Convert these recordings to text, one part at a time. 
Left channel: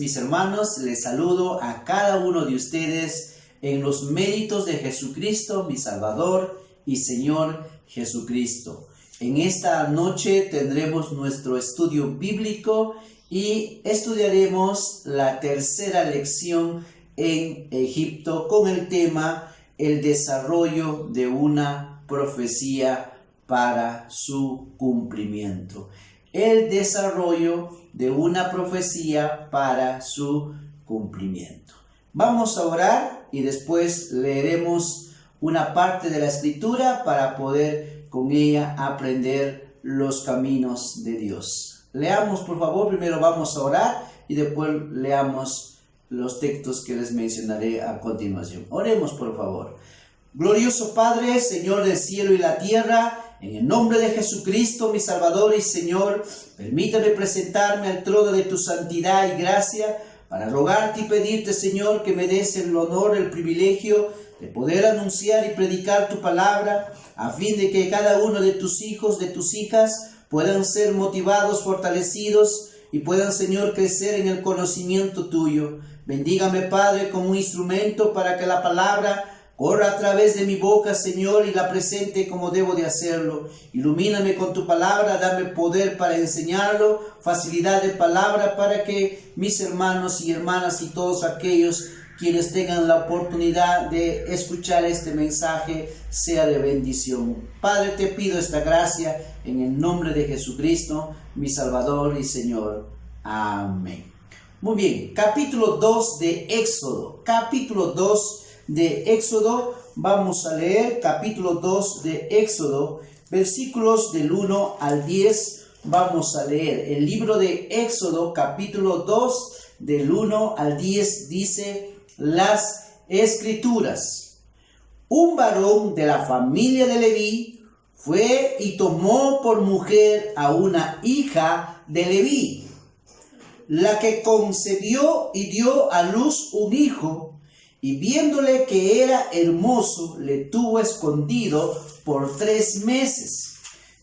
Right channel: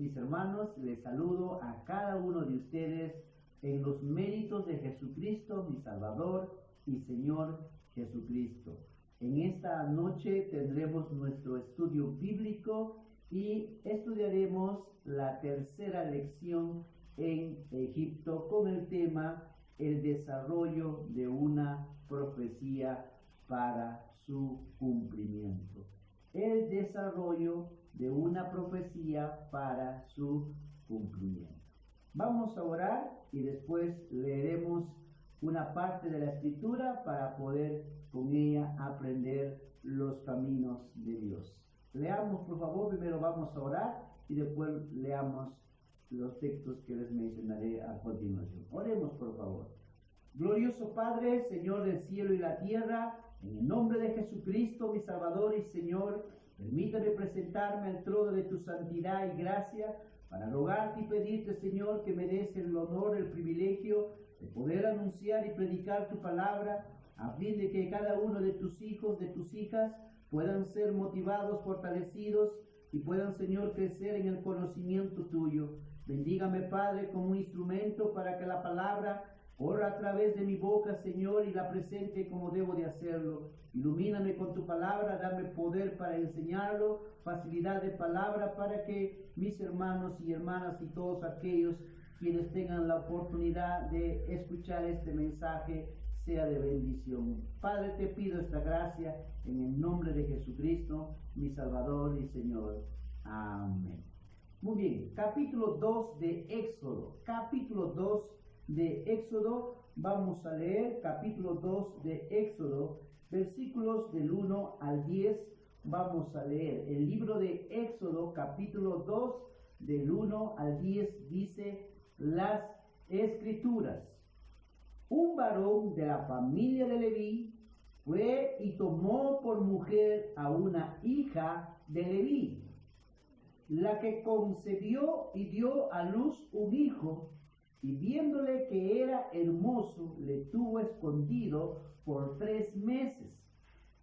mis hermanos. Les saludo a cada uno de ustedes en los méritos de Jesucristo, mi Salvador y Señor Jesucristo. En esta noche tendremos nuestro estudio bíblico y estudiaremos la tercera lección en Egipto con el tema el desarrollo de una profecía para su cumplimiento. El desarrollo de una profecía para su cumplimiento. Vamos a orar y después leeremos una parte de la escritura para poder con ella aprender los caminos de Dios. Leamos por favor, primero vamos a orar y después leamos los textos que les mencionaré a continuación. Oremos por favor. Glorioso Padre, Señor del cielo y la tierra, en el nombre de Jesucristo, mi Salvador y Señor, permítame presentarme al trono de tu santidad y gracia para rogarte y pedirte, Señor, que me des el honor, el privilegio de poder anunciar y predicar tu palabra, a fin de que cada uno de tus hijos, de tus hijas, puedan ser motivados, fortalecidos y puedan, Señor, crecer en el conocimiento tuyo. Bendígame, Padre, como un instrumento para que la palabra corra a través de mi boca, Señor, y la presente como debo de hacerlo. Ilumíname con tu palabra, dame poder para enseñarlo, facilidad de palabra para que mis hermanos y hermanas y todos aquellos quienes tengan la oportunidad de escuchar este mensaje sea de bendición. Padre, te pido esta gracia en el nombre de Jesucristo, mi Salvador y Señor. Amén. Muy bien, capítulo 2 de Éxodo. Capítulo 2 de Éxodo, vamos a leer capítulo 2 de Éxodo, versículos del 1 al 10, vamos a leer. El libro de Éxodo, capítulo 2, del 1 al 10, dice las Escrituras. Un varón de la familia de Leví fue y tomó por mujer a una hija de Leví, la que concebió y dio a luz un hijo, y viéndole que era hermoso, le tuvo escondido por 3 meses.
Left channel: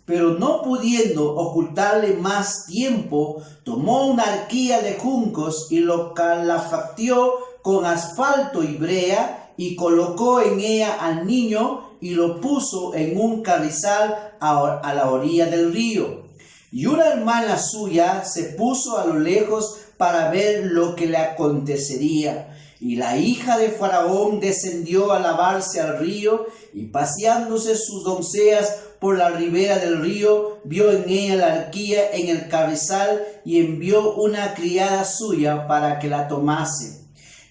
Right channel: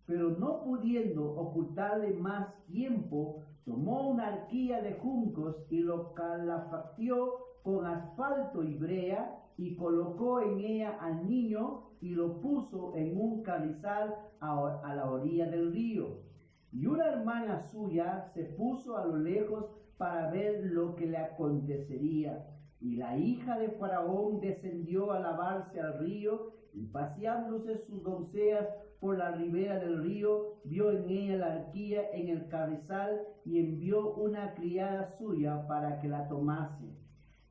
Pero no pudiendo ocultarle más tiempo, tomó una arquilla de juncos y lo calafactió con asfalto y brea, y colocó en ella al niño y lo puso en un carrizal a la orilla del río. Y una hermana suya se puso a lo lejos para ver lo que le acontecería. Y la hija de Faraón descendió a lavarse al río, y paseándose sus doncellas por la ribera del río, vio en ella la arquilla en el carrizal, y envió una criada suya para que la tomase.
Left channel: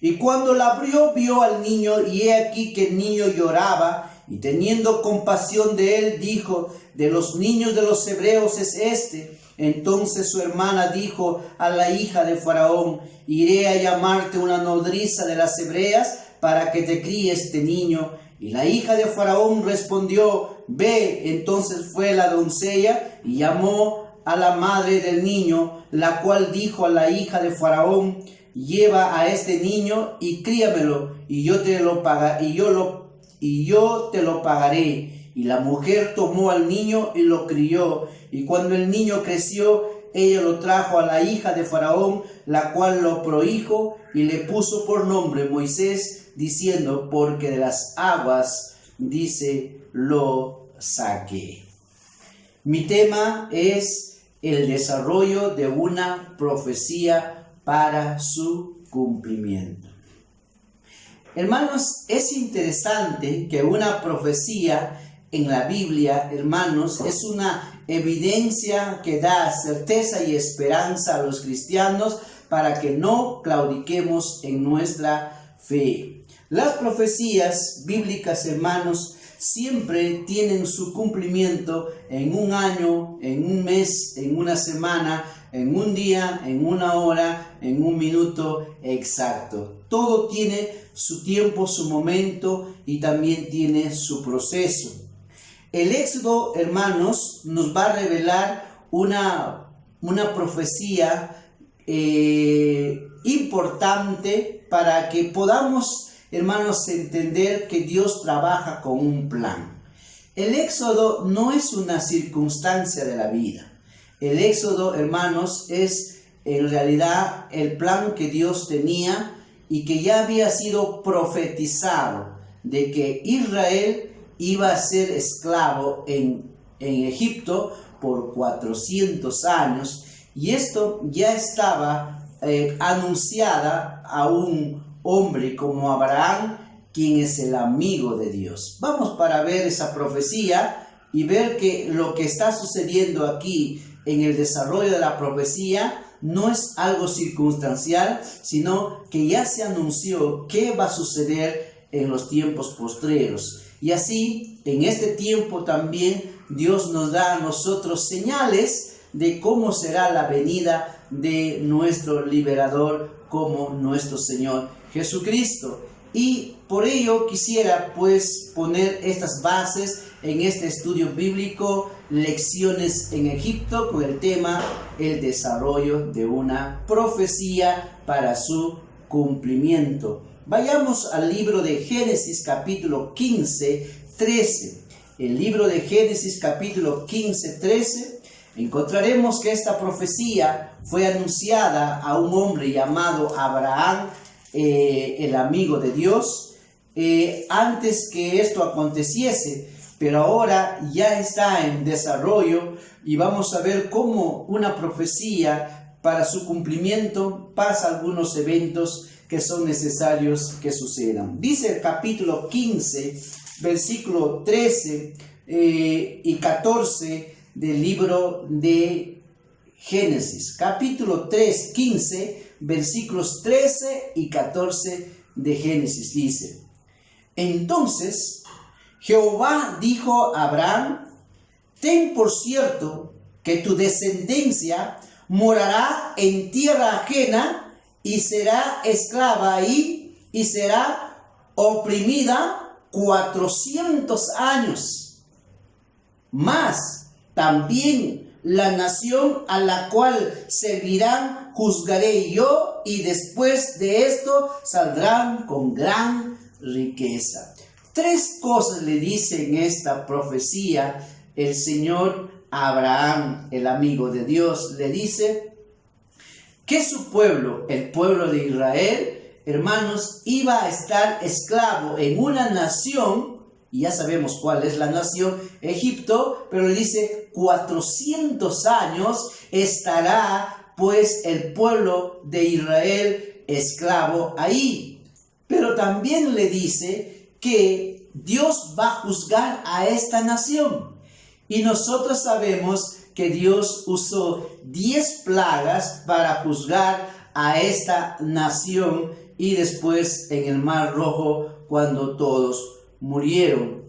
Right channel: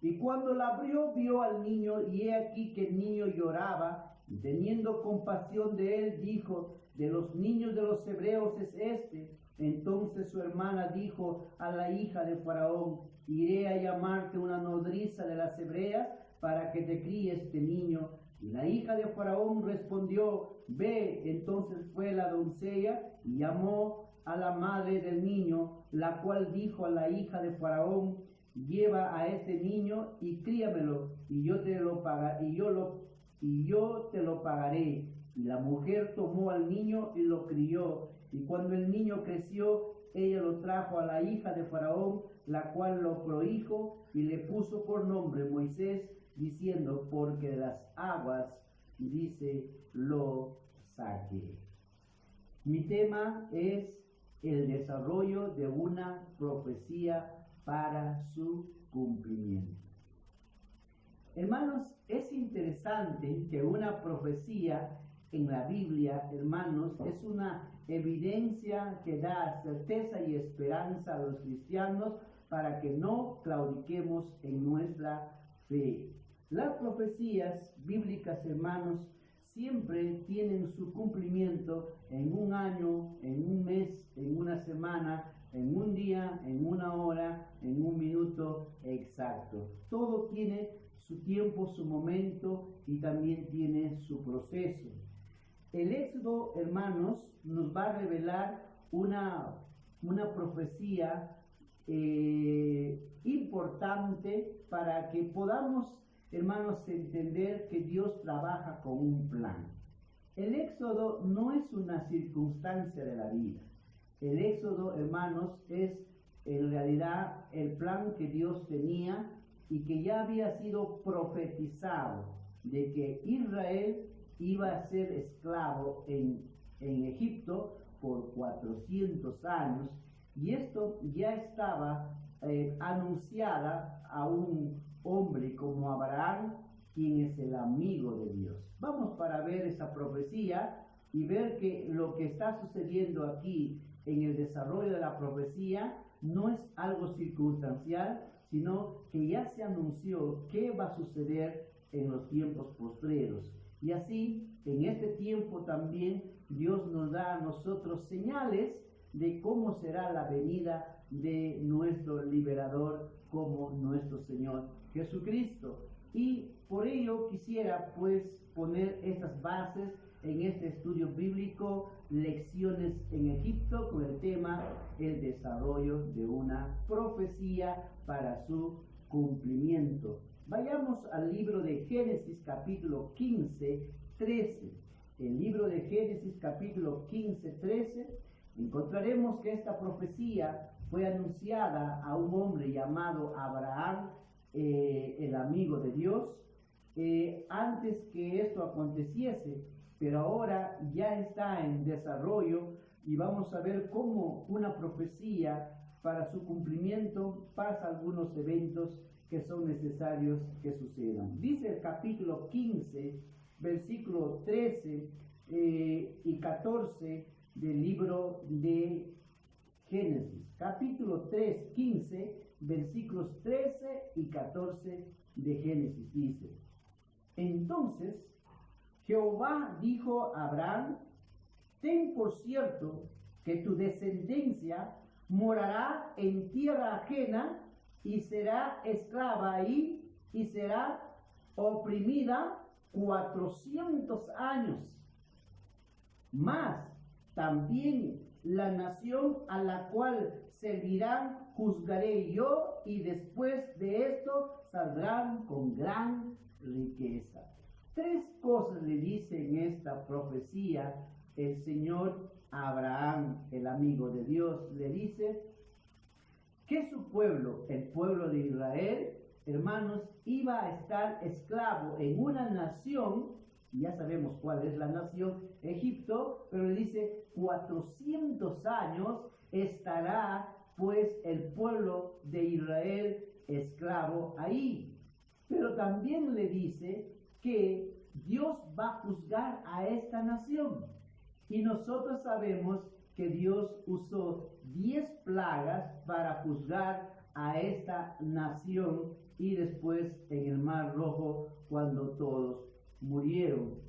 Y cuando la abrió, vio al niño, y he aquí que el niño lloraba, y teniendo compasión de él, dijo: de los niños de los hebreos es este. Entonces su hermana dijo a la hija de Faraón: iré a llamarte una nodriza de las hebreas para que te críe este niño. Y la hija de Faraón respondió: ve. Entonces fue la doncella y llamó a la madre del niño, la cual dijo a la hija de Faraón: lleva a este niño y críamelo, y yo te lo pagaré. Y la mujer tomó al niño y lo crió. Y cuando el niño creció, ella lo trajo a la hija de Faraón, la cual lo prohijo y le puso por nombre Moisés, diciendo: porque de las aguas, dice, lo saqué. Mi tema es el desarrollo de una profecía para su cumplimiento. Hermanos, es interesante que una profecía en la Biblia, hermanos, es una evidencia que da certeza y esperanza a los cristianos para que no claudiquemos en nuestra fe. Las profecías bíblicas, hermanos, siempre tienen su cumplimiento en un año, en un mes, en una semana, en un día, en una hora, en un minuto exacto. Todo tiene su tiempo, su momento y también tiene su proceso. El Éxodo, hermanos, nos va a revelar una profecía importante para que podamos, hermanos, entender que Dios trabaja con un plan. El Éxodo no es una circunstancia de la vida. El Éxodo, hermanos, es en realidad el plan que Dios tenía y que ya había sido profetizado de que Israel iba a ser esclavo en Egipto por 400 años, y esto ya estaba anunciada a un hombre como Abraham, quien es el amigo de Dios. Vamos para ver esa profecía y ver que lo que está sucediendo aquí en el desarrollo de la profecía no es algo circunstancial, sino que ya se anunció qué va a suceder en los tiempos postreros. Y así, en este tiempo también, Dios nos da a nosotros señales de cómo será la venida de nuestro liberador como nuestro Señor Jesucristo. Y por ello quisiera pues poner estas bases en este estudio bíblico, Lecciones en Egipto, con el tema el desarrollo de una profecía para su cumplimiento. Vayamos al libro de Génesis capítulo 15, 13. El libro de Génesis capítulo 15, 13, encontraremos que esta profecía fue anunciada a un hombre llamado Abraham, el amigo de Dios, antes que esto aconteciese, pero ahora ya está en desarrollo y vamos a ver cómo una profecía para su cumplimiento pasa algunos eventos que son necesarios que sucedan. Dice el capítulo 15, versículo 13 y 14 del libro de Génesis. Capítulo 15, versículos 13 y 14 de Génesis dice: Entonces Jehová dijo a Abraham: Ten por cierto que tu descendencia morará en tierra ajena y será esclava ahí y será oprimida 400 años. Mas también la nación a la cual servirán juzgaré yo, y después de esto saldrán con gran riqueza. Tres cosas le dice en esta profecía el Señor a Abraham, el amigo de Dios. Le dice que su pueblo, el pueblo de Israel, hermanos, iba a estar esclavo en una nación, y ya sabemos cuál es la nación, Egipto, pero le dice 400 años estará pues el pueblo de Israel esclavo ahí. Pero también le dice que Dios va a juzgar a esta nación. Y nosotros sabemos que Dios usó 10 plagas para juzgar a esta nación, y después en el Mar Rojo, cuando todos murieron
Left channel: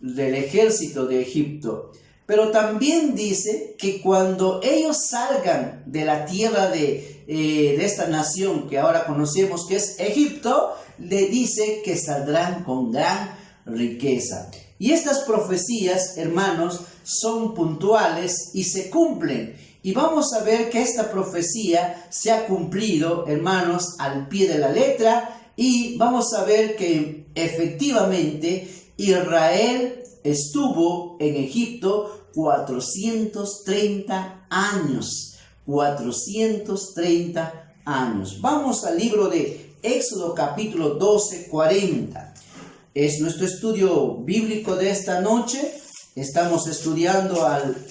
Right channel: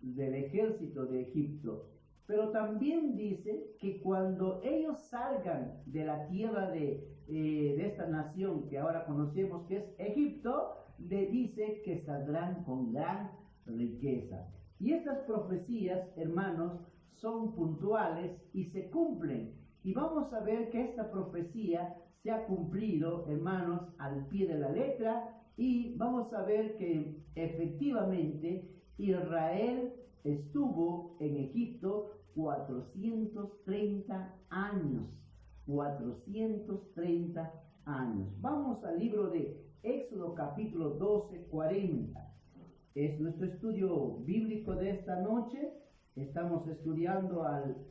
del ejército de Egipto. Pero también dice que cuando ellos salgan de la tierra de esta nación que ahora conocemos que es Egipto, le dice que saldrán con gran riqueza. Y estas profecías, hermanos, son puntuales y se cumplen. Y vamos a ver que esta profecía se ha cumplido, hermanos, al pie de la letra. Y vamos a ver que efectivamente Israel estuvo en Egipto 430 años. 430 años. Vamos al libro de Éxodo capítulo 12, 40. Es nuestro estudio bíblico de esta noche. Estamos estudiando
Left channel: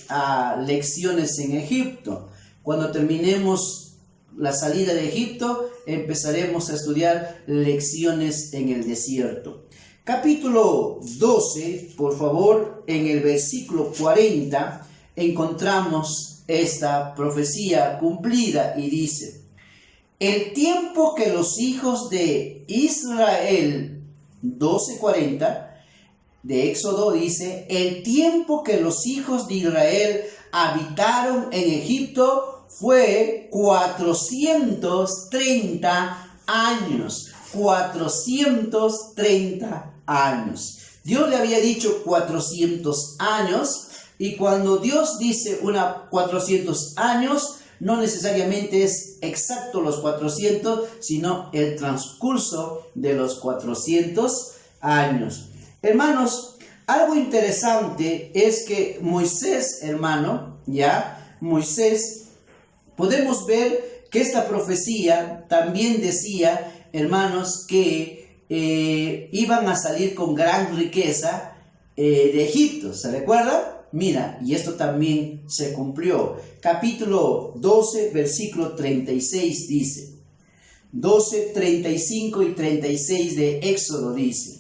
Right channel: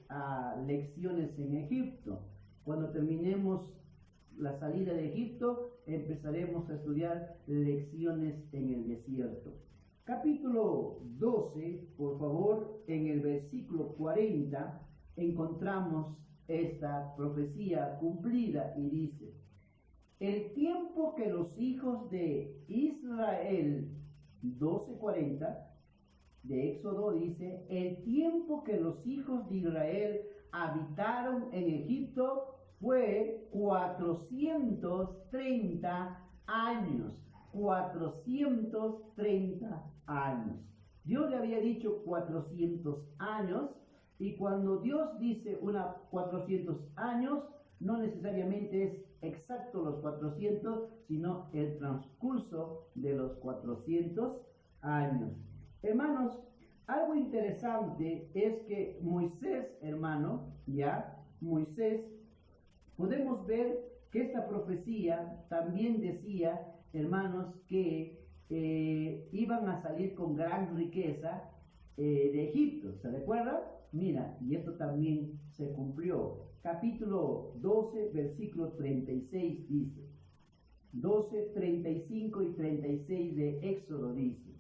a lecciones en Egipto. Cuando terminemos la salida de Egipto, empezaremos a estudiar lecciones en el desierto. Capítulo 12, por favor, en el versículo 40, encontramos esta profecía cumplida y dice: El tiempo que los hijos de Israel, 12:40, de Éxodo dice, el tiempo que los hijos de Israel habitaron en Egipto fue 430 años. 430 años. Dios le había dicho 400 años, y cuando Dios dice 400 años, no necesariamente es exacto los 400, sino el transcurso de los 400 años. Hermanos, algo interesante es que Moisés, hermano, Moisés, podemos ver que esta profecía también decía, hermanos, que iban a salir con gran riqueza de Egipto. ¿Se recuerda? Mira, y esto también se cumplió. Capítulo 12, versículo 36 dice, 12, 35 y 36 de Éxodo dice,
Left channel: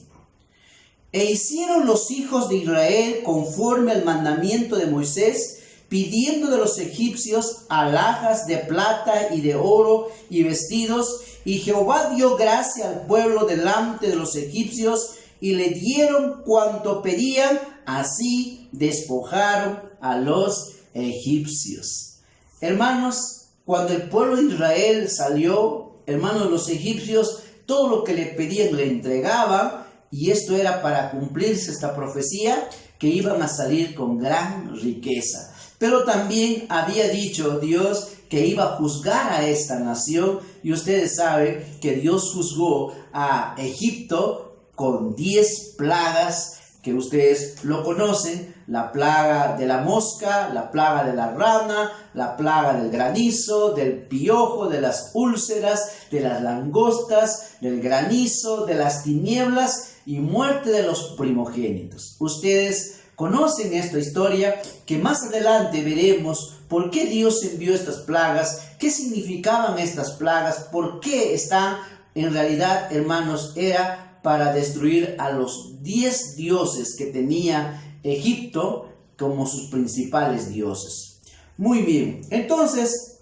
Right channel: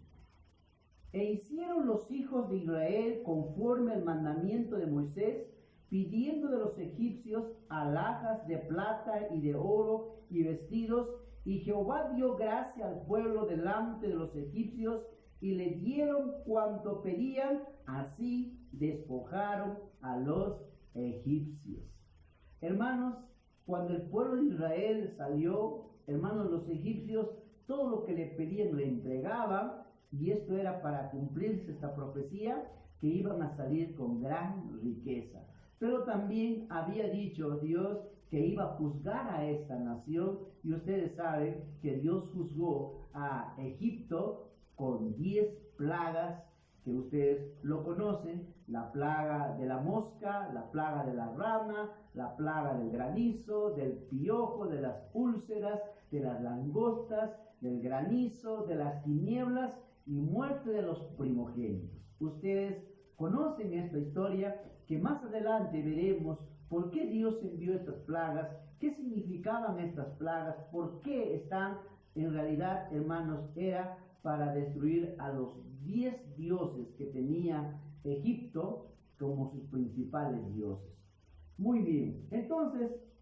e hicieron los hijos de Israel conforme al mandamiento de Moisés, pidiendo de los egipcios alhajas de plata y de oro y vestidos, y Jehová dio gracia al pueblo delante de los egipcios, y le dieron cuanto pedían, así despojaron a los egipcios. Hermanos, cuando el pueblo de Israel salió, hermanos, los egipcios, todo lo que le pedían le entregaban, y esto era para cumplirse esta profecía, que iban a salir con gran riqueza. Pero también había dicho Dios que iba a juzgar a esta nación, y ustedes saben que Dios juzgó a Egipto con 10 plagas, que ustedes lo conocen: la plaga de la mosca, la plaga de la rana, la plaga del granizo, del piojo, de las úlceras, de las langostas, del granizo, de las tinieblas y muerte de los primogénitos. Ustedes conocen esta historia, que más adelante veremos por qué Dios envió estas plagas, qué significaban estas plagas, por qué están. En realidad, hermanos, era para destruir a los 10 dioses que tenía Egipto como sus principales dioses. Muy bien, entonces,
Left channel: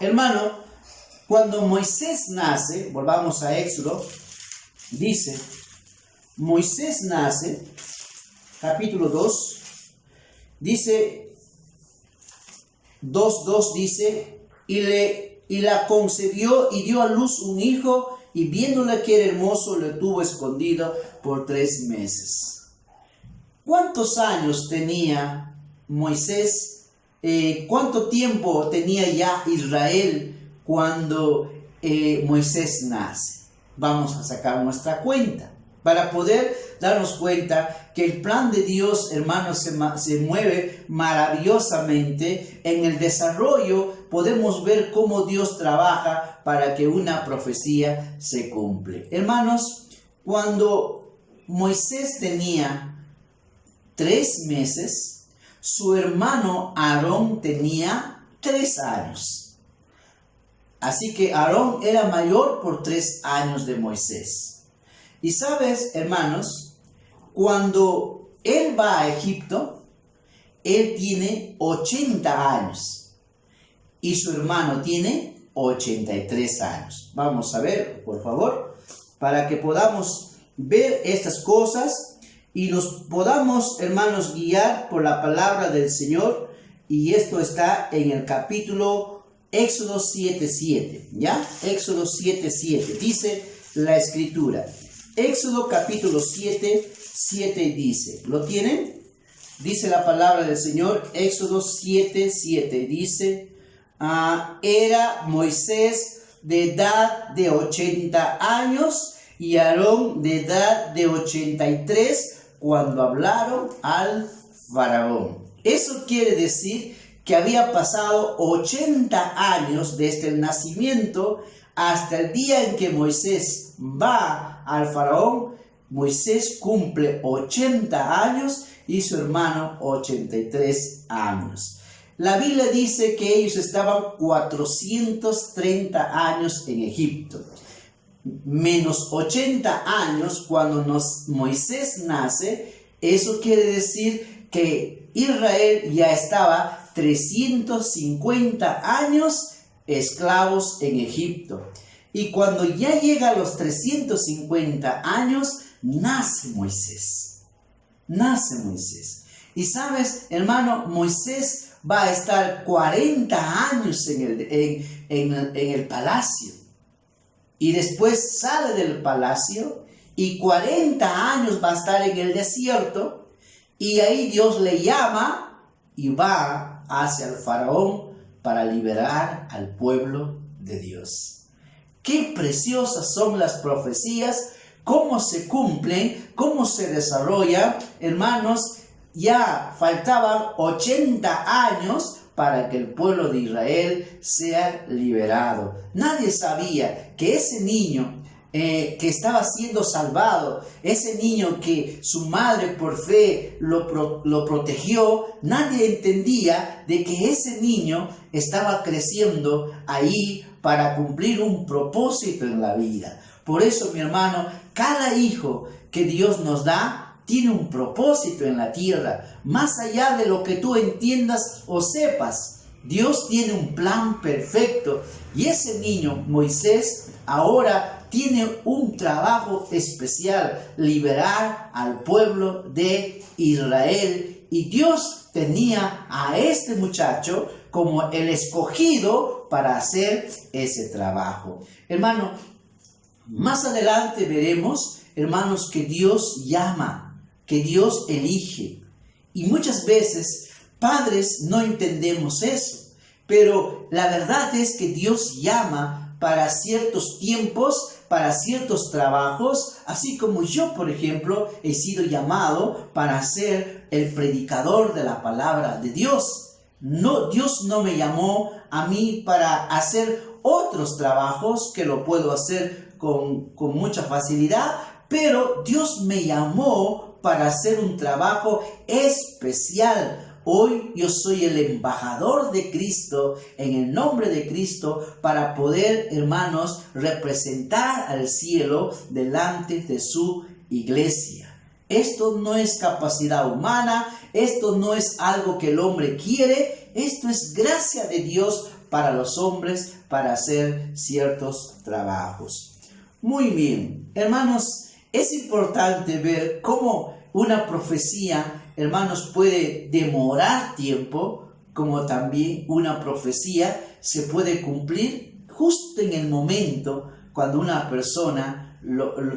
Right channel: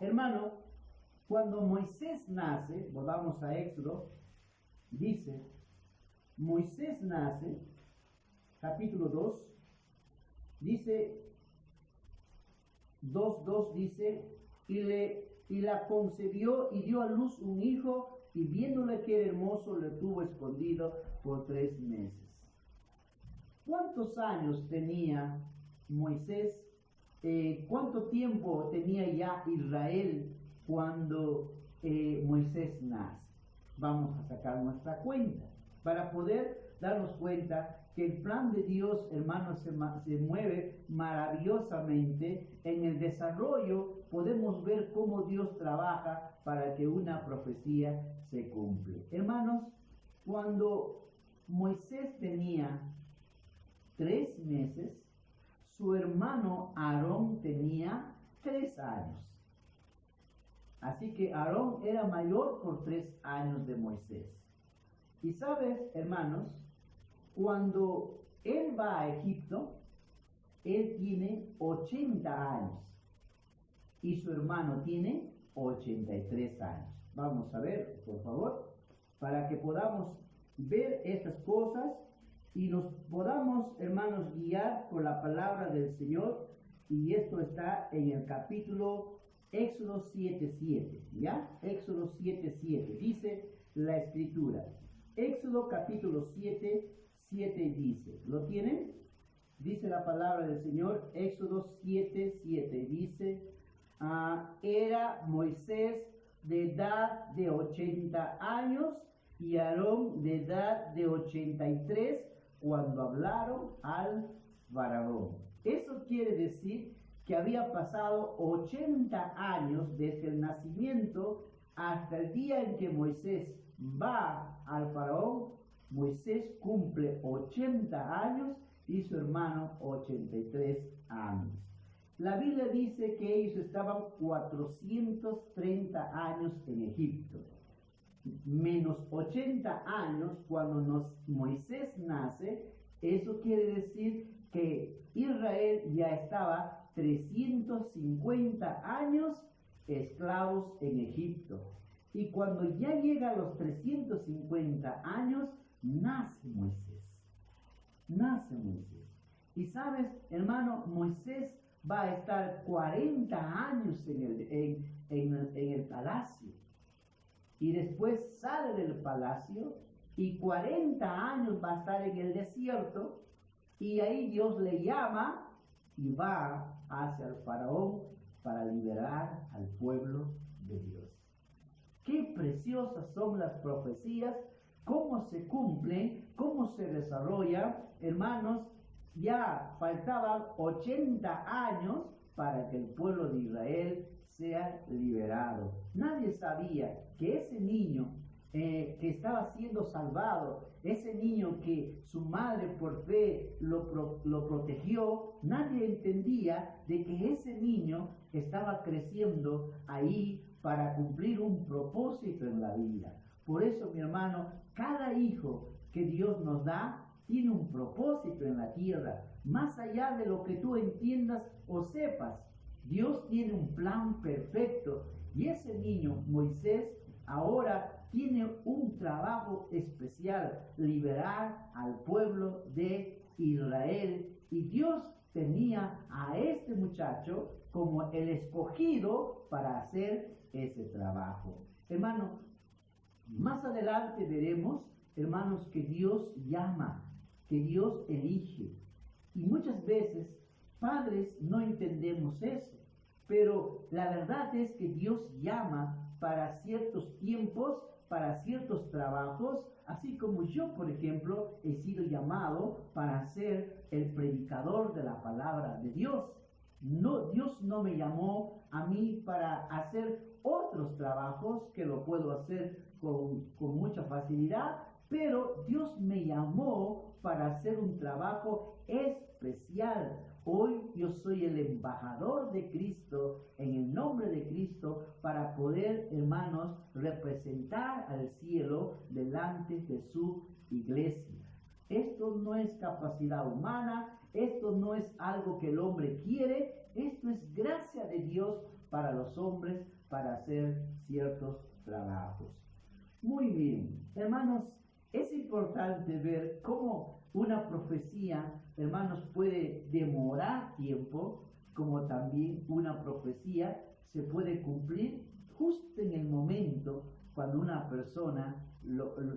hermano, cuando Moisés nace, volvamos a Éxodo, dice, Moisés nace, capítulo 2, dice, 2:2 dice, y la concebió y dio a luz un hijo, y viéndole que era hermoso, le tuvo escondido por 3 meses. ¿Cuántos años tenía Moisés? ¿Cuánto tiempo tenía ya Israel cuando Moisés nace? Vamos a sacar nuestra cuenta para poder darnos cuenta que el plan de Dios, hermanos, se mueve maravillosamente. En el desarrollo podemos ver cómo Dios trabaja para que una profecía se cumple. Hermanos, cuando Moisés tenía 3 meses, su hermano Aarón tenía 3 años. Así que Aarón era mayor por 3 años de Moisés. Y sabes, hermanos, cuando él va a Egipto, él tiene 80 años y su hermano tiene 83 años. Vamos a ver, por favor, para que podamos ver estas cosas y nos podamos, hermanos, guiar por la palabra del Señor. Y esto está en el capítulo Éxodo 7:7, ¿ya? Éxodo 7:7, dice la Escritura. Éxodo capítulo 7:7 dice, ¿lo tienen? Dice la palabra del Señor, Éxodo 7:7, dice, era Moisés de edad de 80 años y Aarón de edad de 83 cuando hablaron al faraón. Eso quiere decir que había pasado 80 años desde el nacimiento hasta el día en que Moisés va al faraón. Moisés cumple 80 años y su hermano 83 años. La Biblia dice que ellos estaban 430 años en Egipto, menos 80 años cuando Moisés nace. Eso quiere decir que Israel ya estaba 350 años esclavos en Egipto. Y cuando ya llega a los 350 años, nace Moisés. Nace Moisés. Y sabes, hermano, Moisés va a estar 40 años en el palacio. Y después sale del palacio y 40 años va a estar en el desierto. Y ahí Dios le llama y va hacia el faraón para liberar al pueblo de Dios. Qué preciosas son las profecías, cómo se cumplen, cómo se desarrollan. Hermanos, ya faltaban 80 años para que el pueblo de Israel sea liberado. Nadie sabía que ese niño que estaba siendo salvado, ese niño que su madre por fe lo protegió, nadie entendía de que ese niño estaba creciendo ahí para cumplir un propósito en la vida. Por eso, mi hermano, cada hijo que Dios nos da tiene un propósito en la tierra, más allá de lo que tú entiendas o sepas. Dios tiene un plan perfecto y ese niño, Moisés, ahora tiene un trabajo especial: liberar al pueblo de Israel. Y Dios tenía a este muchacho como el escogido para hacer ese trabajo. Hermano, más adelante veremos, hermanos, que Dios llama, que Dios elige. Y muchas veces, padres, no entendemos eso. Pero la verdad es que Dios llama para ciertos tiempos, para ciertos trabajos, así como yo, por ejemplo, he sido llamado para ser el predicador de la palabra de Dios. No, Dios no me llamó a mí para hacer otros trabajos que lo puedo hacer con mucha facilidad, pero Dios me llamó para hacer un trabajo especial. Hoy yo soy el embajador de Cristo, en el nombre de Cristo, para poder, hermanos, representar al cielo delante de su iglesia. Esto no es capacidad humana, esto no es algo que el hombre quiere, esto es gracia de Dios para los hombres para hacer ciertos trabajos. Muy bien, hermanos, es importante ver cómo una profecía, hermanos, puede demorar tiempo, como también una profecía se puede cumplir justo en el momento cuando una persona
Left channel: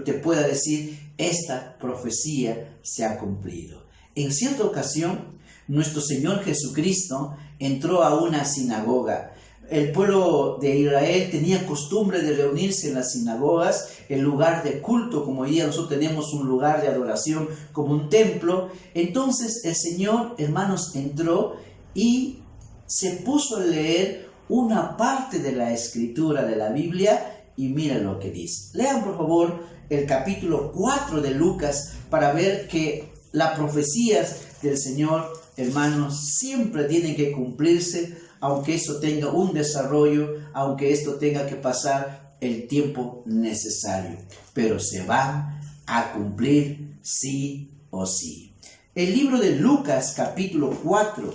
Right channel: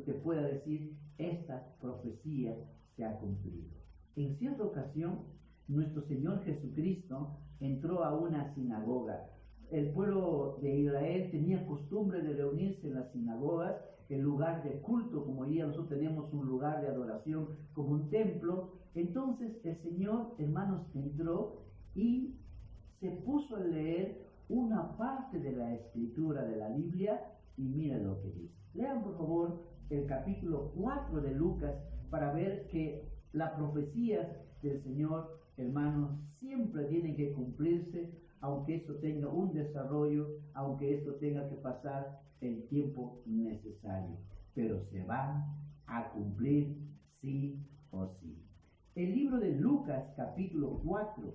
te pueda decir: esta profecía se ha cumplido. En cierta ocasión, nuestro Señor Jesucristo entró a una sinagoga. El pueblo de Israel tenía costumbre de reunirse en las sinagogas, el lugar de culto, como hoy día nosotros tenemos un lugar de adoración como un templo. Entonces el Señor, hermanos, entró y se puso a leer una parte de la escritura de la Biblia y mira lo que dice. Lean por favor el capítulo 4 de Lucas para ver que las profecías del Señor, hermanos, siempre tienen que cumplirse, aunque eso tenga un desarrollo, aunque esto tenga que pasar el tiempo necesario, pero se van a cumplir sí o sí. El libro de Lucas capítulo 4,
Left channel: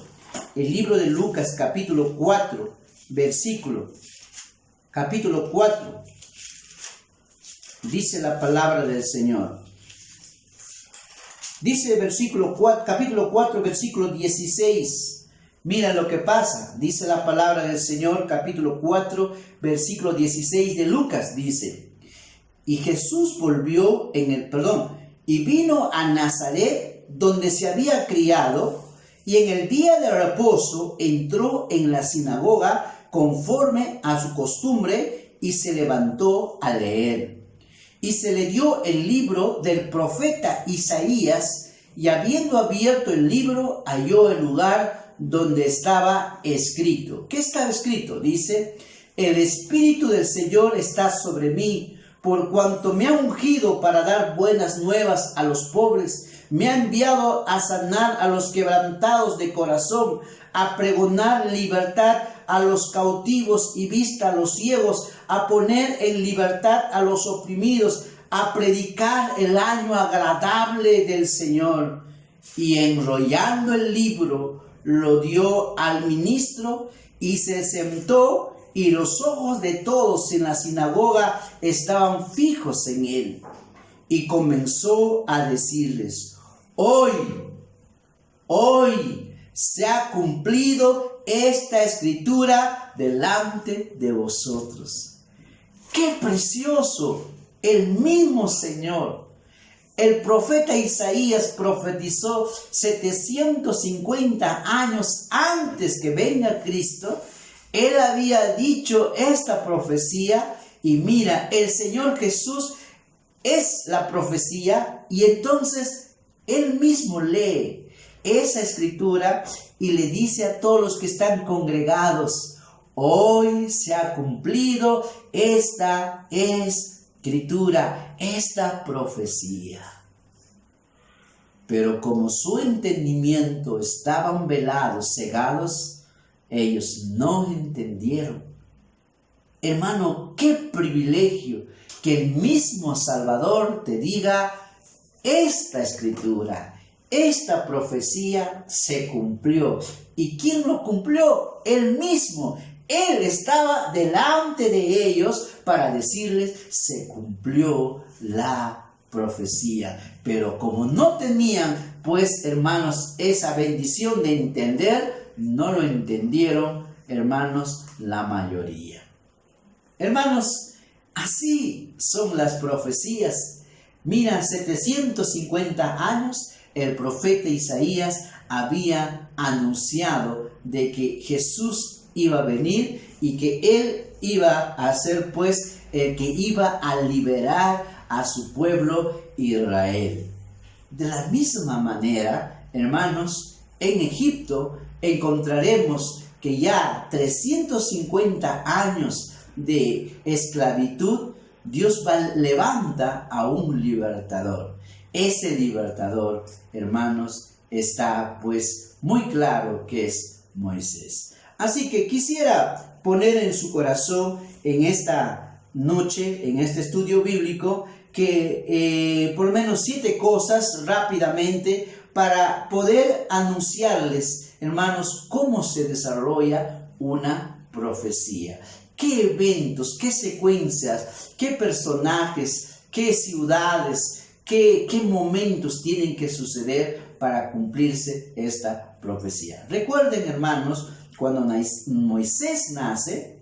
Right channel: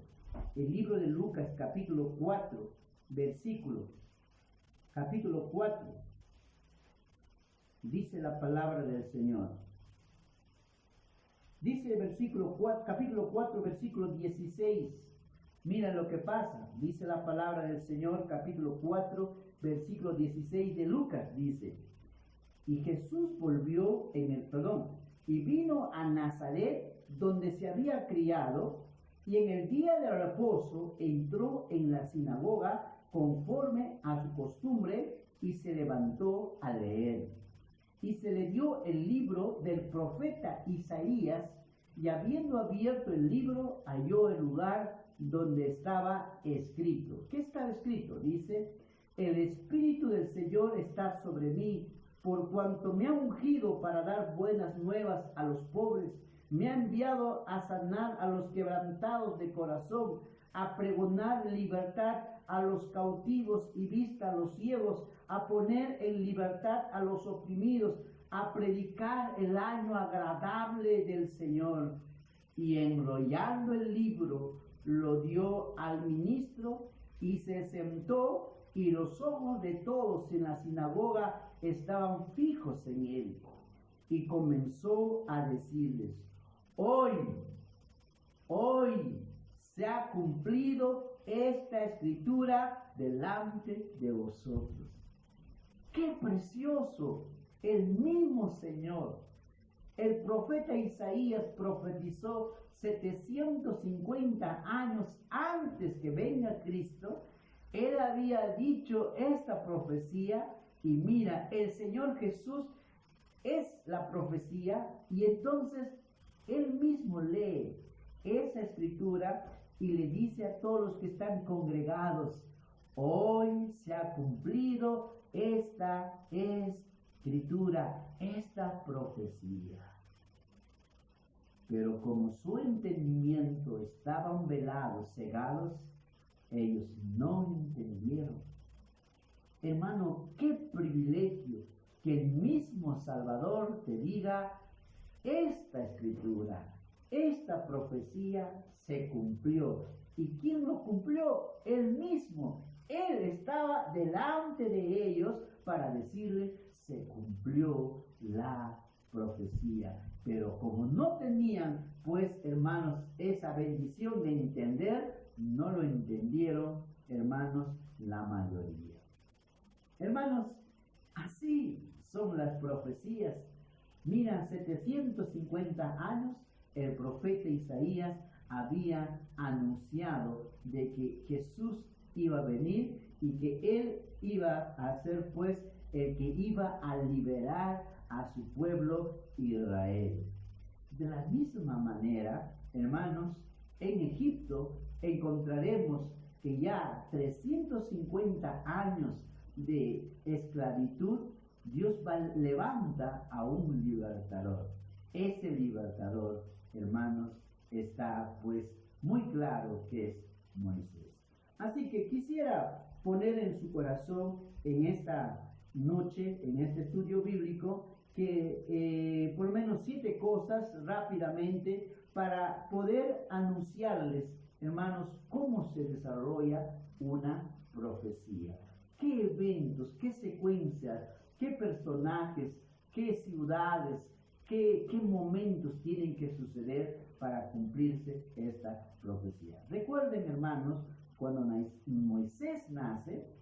capítulo 4, dice la palabra del Señor. Dice capítulo 4, versículo 16. Mira lo que pasa, dice la palabra del Señor, capítulo 4, versículo 16 de Lucas, dice: y Jesús y vino a Nazaret, donde se había criado, y en el día de reposo entró en la sinagoga conforme a su costumbre, y se levantó a leer. Y se le dio el libro del profeta Isaías, y habiendo abierto el libro, halló el lugar donde estaba escrito. ¿Qué estaba escrito? Dice: el Espíritu del Señor está sobre mí, por cuanto me ha ungido para dar buenas nuevas a los pobres, me ha enviado a sanar a los quebrantados de corazón, a pregonar libertad a los cautivos y vista a los ciegos, a poner en libertad a los oprimidos, a predicar el año agradable del Señor. Y enrollando el libro, lo dio al ministro y se sentó, y los ojos de todos en la sinagoga estaban fijos en él. Y comenzó a decirles: hoy se ha cumplido esta escritura delante de vosotros. ¡Qué precioso! El mismo Señor. El profeta Isaías profetizó 750 años antes que venga Cristo. Él había dicho esta profecía y mira, el Señor Jesús es la profecía y entonces Él mismo lee esa escritura y le dice a todos los que están congregados: hoy se ha cumplido esta escritura, esta profecía. Pero como su entendimiento estaban velados, cegados, ellos no entendieron. Hermano, qué privilegio que el mismo Salvador te diga: esta escritura, esta profecía se cumplió. ¿Y quién lo cumplió? Él mismo. Él estaba delante de ellos para decirles: se cumplió la profecía. Pero como no tenían, pues, hermanos, esa bendición de entender, no lo entendieron, hermanos, la mayoría. Hermanos, así son las profecías. Mira, 750 años el profeta Isaías había anunciado de que Jesús iba a venir y que Él iba a ser, pues, el que iba a liberar a su pueblo Israel. De la misma manera, hermanos, en Egipto encontraremos que ya 350 años de esclavitud, Dios levanta a un libertador. Ese libertador, hermanos, está pues muy claro que es Moisés. Así que quisiera poner en su corazón en esta noche, en este estudio bíblico, que por lo menos 7 cosas rápidamente para poder anunciarles, hermanos, cómo se desarrolla una profecía. ¿Qué eventos, qué secuencias, qué personajes, qué ciudades, qué momentos tienen que suceder para cumplirse esta profecía? Recuerden, hermanos, cuando Moisés nace,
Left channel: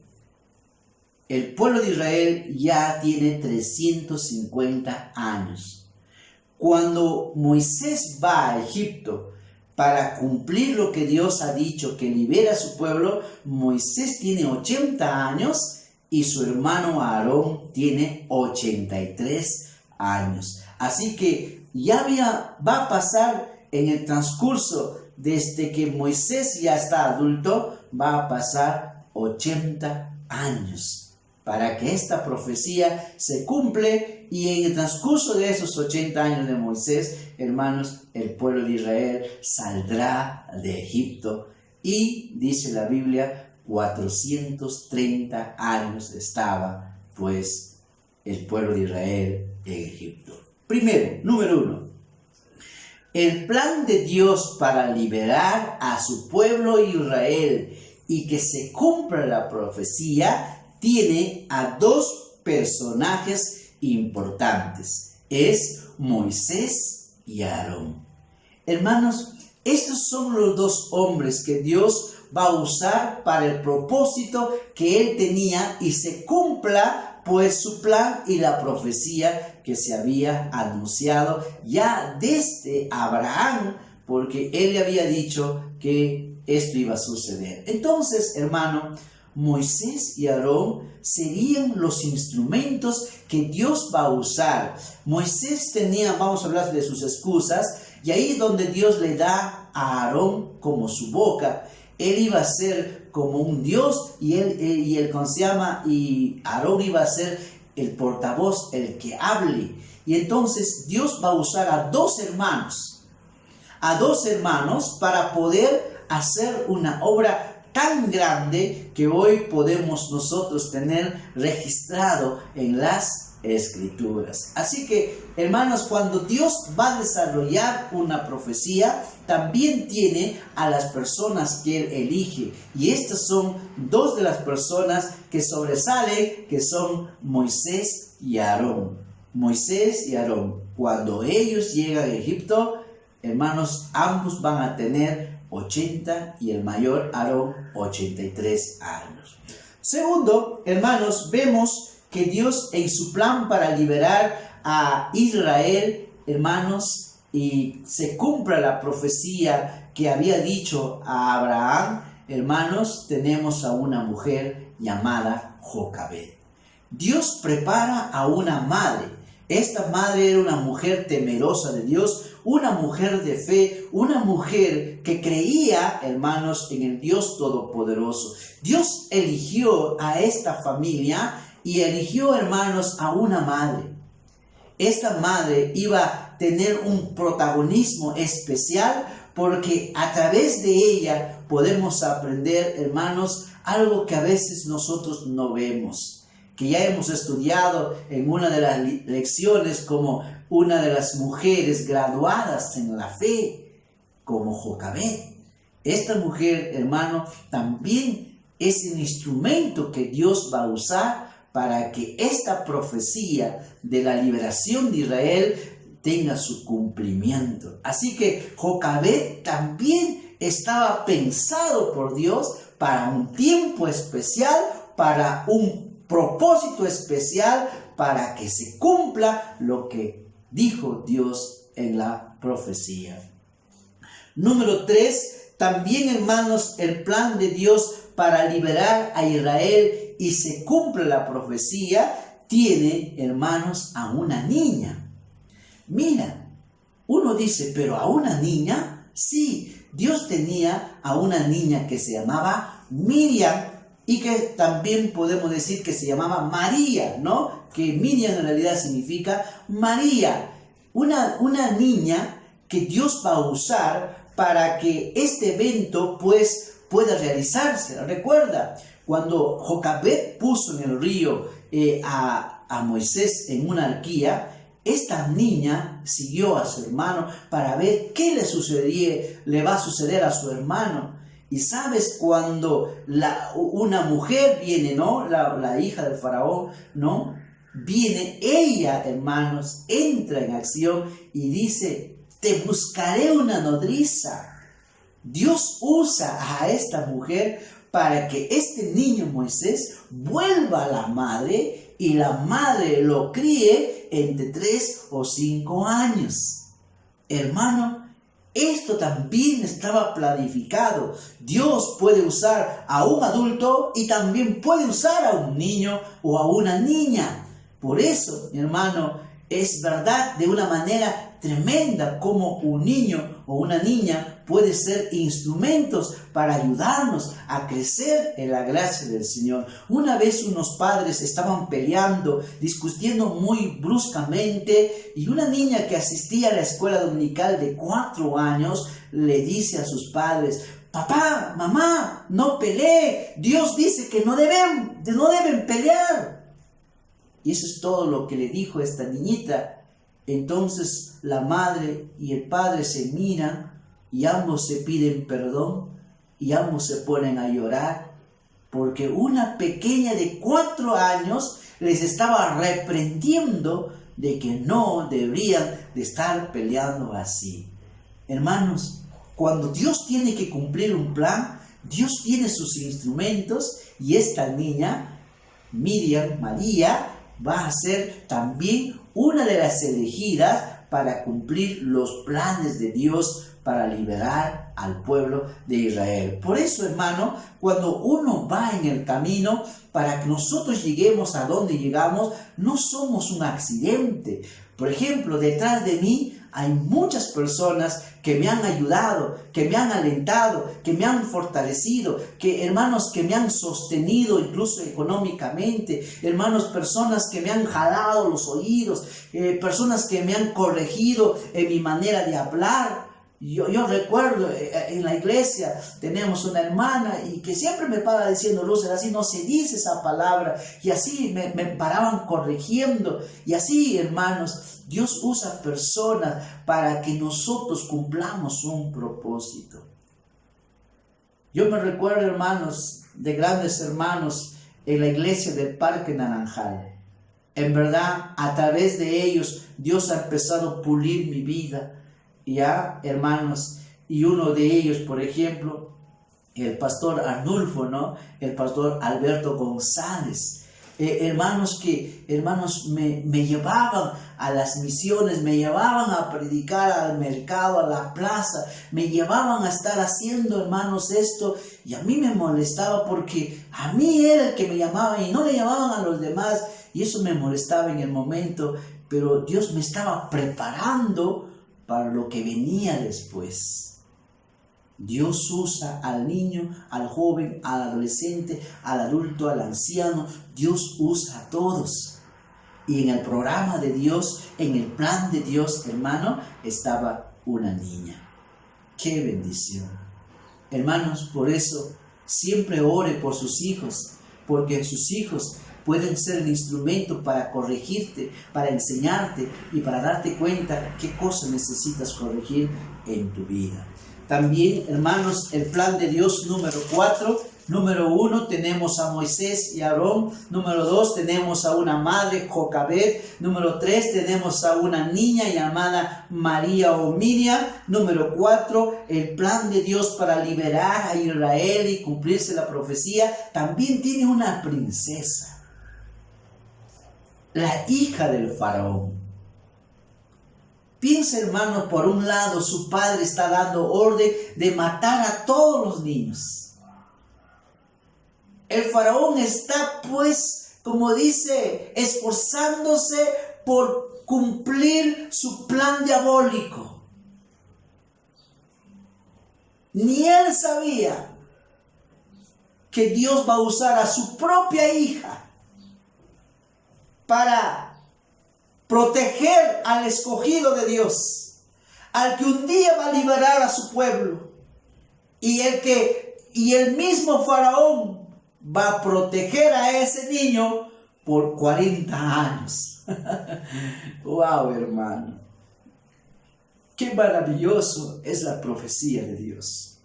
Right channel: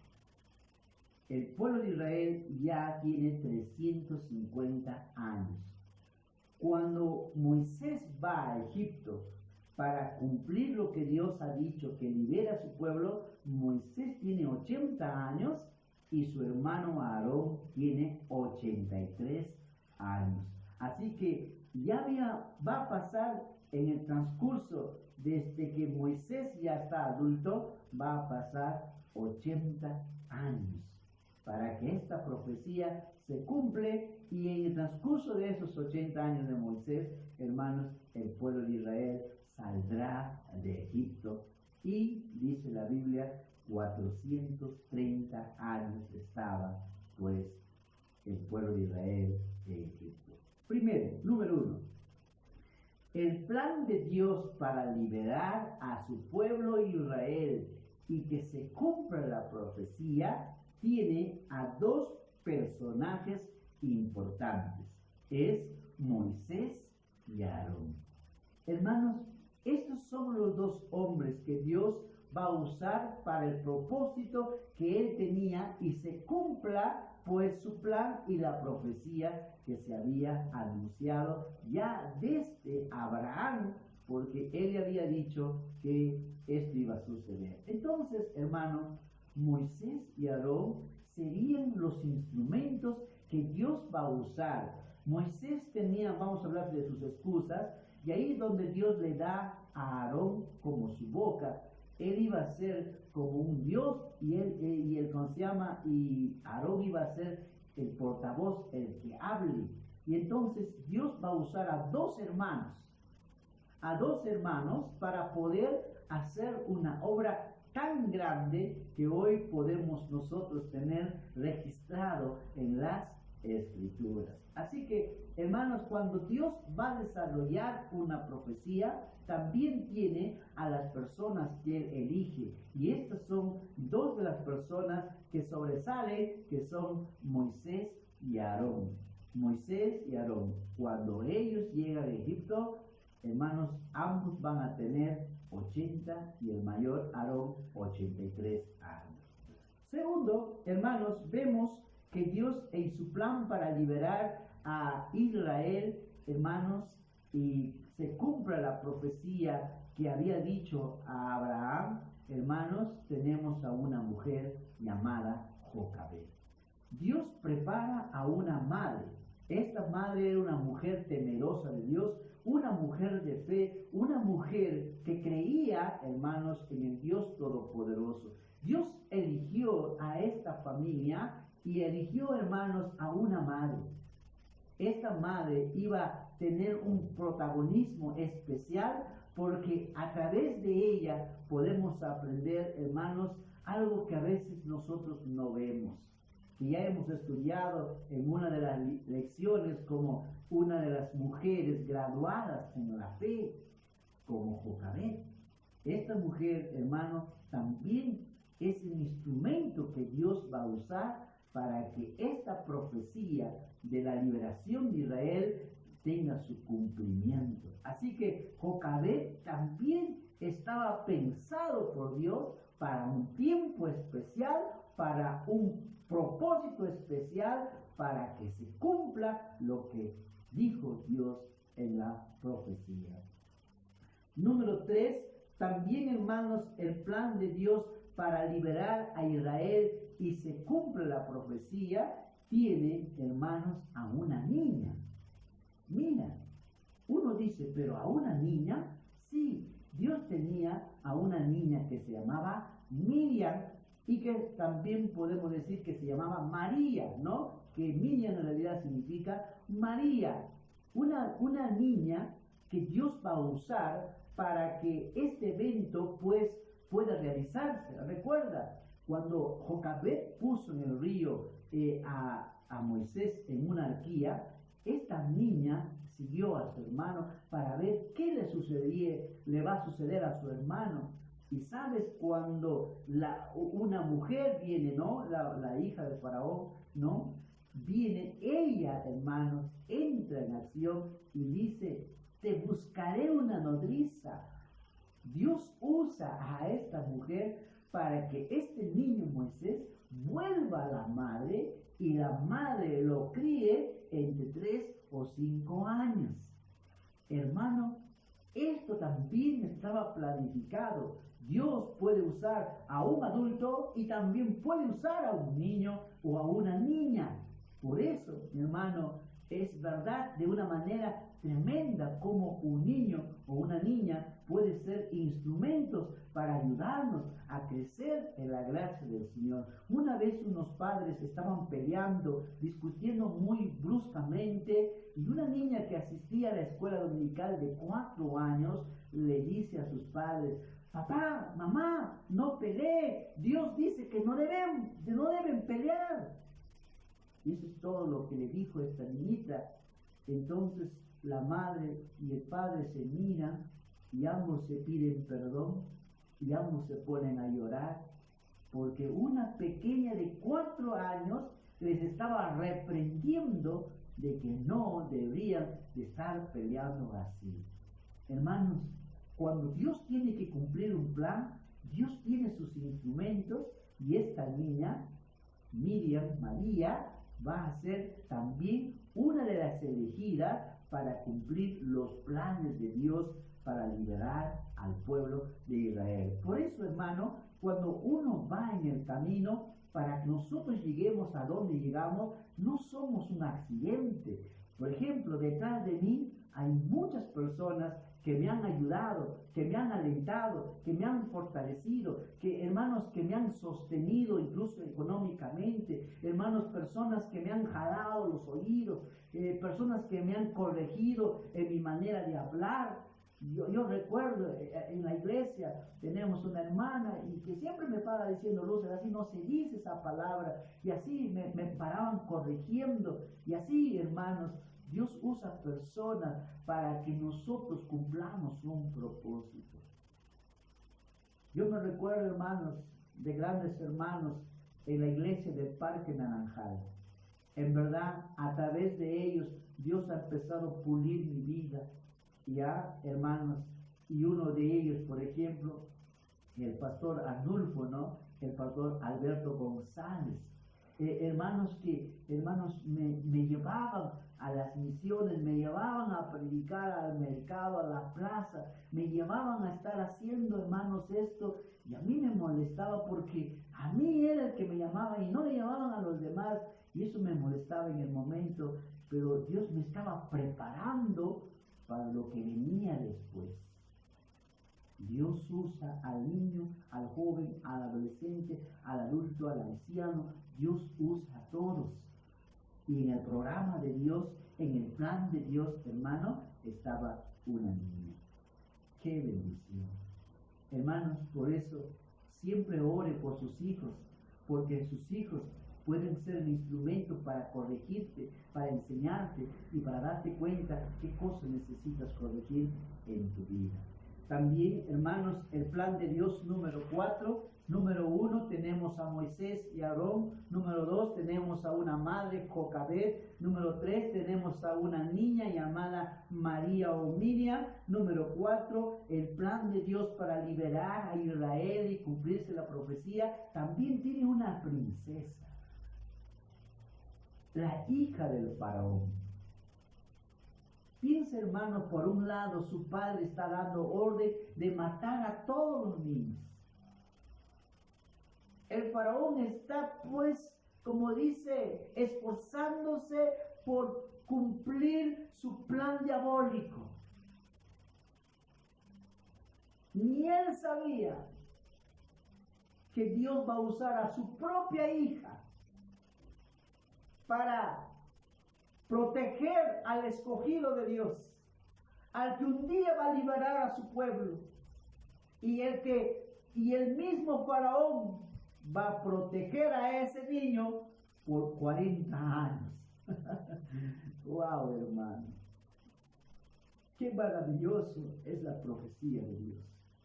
el pueblo de Israel ya tiene 350 años. Cuando Moisés va a Egipto para cumplir lo que Dios ha dicho, que libera a su pueblo, Moisés tiene 80 años y su hermano Aarón tiene 83 años. Así que va a pasar en el transcurso desde que Moisés ya está adulto, va a pasar 80 años para que esta profecía se cumple, y en el transcurso de esos 80 años de Moisés, hermanos, el pueblo de Israel saldrá de Egipto, y dice la Biblia, 430 años estaba pues el pueblo de Israel en Egipto. Primero, número 1, el plan de Dios para liberar a su pueblo Israel y que se cumpla la profecía tiene a 2 personajes importantes. Es Moisés y Aarón. Hermanos, estos son los 2 hombres que Dios va a usar para el propósito que Él tenía y se cumpla pues su plan y la profecía que se había anunciado ya desde Abraham, porque Él le había dicho que esto iba a suceder. Entonces, hermano, Moisés y Aarón serían los instrumentos que Dios va a usar. Moisés tenía, vamos a hablar de sus excusas, y ahí es donde Dios le da a Aarón como su boca. Él iba a ser como un Dios y Aarón iba a ser el portavoz, el que hable. Y entonces Dios va a usar a 2 hermanos para poder hacer una obra tan grande que hoy podemos nosotros tener registrado en las Escrituras. Así que, hermanos, cuando Dios va a desarrollar una profecía, también tiene a las personas que Él elige. Y estas son 2 de las personas que sobresalen, que son Moisés y Aarón. Moisés y Aarón, cuando ellos llegan a Egipto, hermanos, ambos van a tener 80 y el mayor Aarón 83 años. Segundo, hermanos, vemos que Dios en su plan para liberar a Israel, hermanos, y se cumpla la profecía que había dicho a Abraham, hermanos, tenemos a una mujer llamada Jocabed. Dios prepara a una madre. Esta madre era una mujer temerosa de Dios, una mujer de fe, una mujer que creía, hermanos, en el Dios Todopoderoso. Dios eligió a esta familia y eligió, hermanos, a una madre. Esta madre iba a tener un protagonismo especial porque a través de ella podemos aprender, hermanos, algo que a veces nosotros no vemos, que ya hemos estudiado en una de las lecciones como una de las mujeres graduadas en la fe, como Jocabed. Esta mujer, hermano, también es el instrumento que Dios va a usar para que esta profecía de la liberación de Israel tenga su cumplimiento. Así que Jocabed también estaba pensado por Dios para un tiempo especial, para un propósito especial, para que se cumpla lo que dijo Dios en la profecía. Número 3, también, hermanos, el plan de Dios para liberar a Israel y se cumple la profecía, tiene, hermanos, a una niña. Mira, uno dice, pero a una niña, sí, Dios tenía a una niña que se llamaba Miriam y que también podemos decir que se llamaba María, ¿no? Que Miriam en realidad significa María, una niña que Dios va a usar para que este evento pues pueda realizarse. Recuerda, cuando Jocabed puso en el río a Moisés en una arquía, esta niña siguió a su hermano para ver qué le va a suceder a su hermano. Y sabes, cuando una mujer viene, ¿no? La hija del faraón, ¿no? Viene ella, hermanos, entra en acción y dice, te buscaré una nodriza. Dios usa a esta mujer para que este niño Moisés vuelva a la madre y la madre lo críe entre 3 o 5 años. Hermano, esto también estaba planificado. Dios puede usar a un adulto y también puede usar a un niño o a una niña. Por eso, hermano, es verdad de una manera tremenda como un niño o una niña puede ser instrumentos para ayudarnos a crecer en la gracia del Señor. Una vez unos padres estaban peleando, discutiendo muy bruscamente, y una niña que asistía a la escuela dominical de 4 años le dice a sus padres, papá, mamá, no pelee, Dios dice que no deben pelear. Y eso es todo lo que le dijo esta niñita. Entonces la madre y el padre se miran y ambos se piden perdón y ambos se ponen a llorar porque una pequeña de 4 años les estaba reprendiendo de que no deberían de estar peleando así. Hermanos, cuando Dios tiene que cumplir un plan, Dios tiene sus instrumentos y esta niña, Miriam, María, va a ser también una de las elegidas para cumplir los planes de Dios para liberar al pueblo de Israel. Por eso, hermano, cuando uno va en el camino, para que nosotros lleguemos a donde llegamos, no somos un accidente. Por ejemplo, detrás de mí hay muchas personas que me han ayudado, que me han alentado, que me han fortalecido, hermanos que me han sostenido incluso económicamente, hermanos, personas que me han jalado los oídos, personas que me han corregido en mi manera de hablar. Yo recuerdo en la iglesia tenemos una hermana y que siempre me para diciendo, Lúcer, así no se dice esa palabra, y así me paraban corrigiendo. Y así, hermanos, Dios usa personas para que nosotros cumplamos un propósito. Yo me recuerdo, hermanos, de grandes hermanos en la iglesia del Parque Naranjal. En verdad, a través de ellos Dios ha empezado a pulir mi vida. Ya, hermanos, y uno de ellos, por ejemplo, el pastor Arnulfo, ¿no? El pastor Alberto González, hermanos me llevaban a las misiones, me llevaban a predicar al mercado, a la plaza, me llevaban a estar haciendo, hermanos, esto, y a mí me molestaba porque a mí era el que me llamaban y no le llamaban a los demás, y eso me molestaba en el momento, pero Dios me estaba preparando para lo que venía después. Dios usa al niño, al joven, al adolescente, al adulto, al anciano. Dios usa a todos. Y en el programa de Dios, en el plan de Dios, hermano, estaba una niña. ¡Qué bendición! Hermanos, por eso siempre ore por sus hijos, porque sus hijos pueden ser el instrumento para corregirte, para enseñarte y para darte cuenta qué cosas necesitas corregir en tu vida. También, hermanos, el plan de Dios número 4. Número 1, tenemos a Moisés y Aarón. Número 2, tenemos a una madre, Jocabed. Número 3, tenemos a una niña llamada María o Miriam. Número 4, el plan de Dios para liberar a Israel y cumplirse la profecía. También tiene una princesa, la hija del faraón. Piensa, hermano, por un lado su padre está dando orden de matar a todos los niños. El faraón está, pues, como dice, esforzándose por cumplir su plan diabólico. Ni él sabía que Dios va a usar a su propia hija para proteger al escogido de Dios, al que un día va a liberar a su pueblo, y el mismo faraón va a proteger a ese niño por 40 años. ¡Wow, hermano! ¡Qué maravilloso es la profecía de Dios!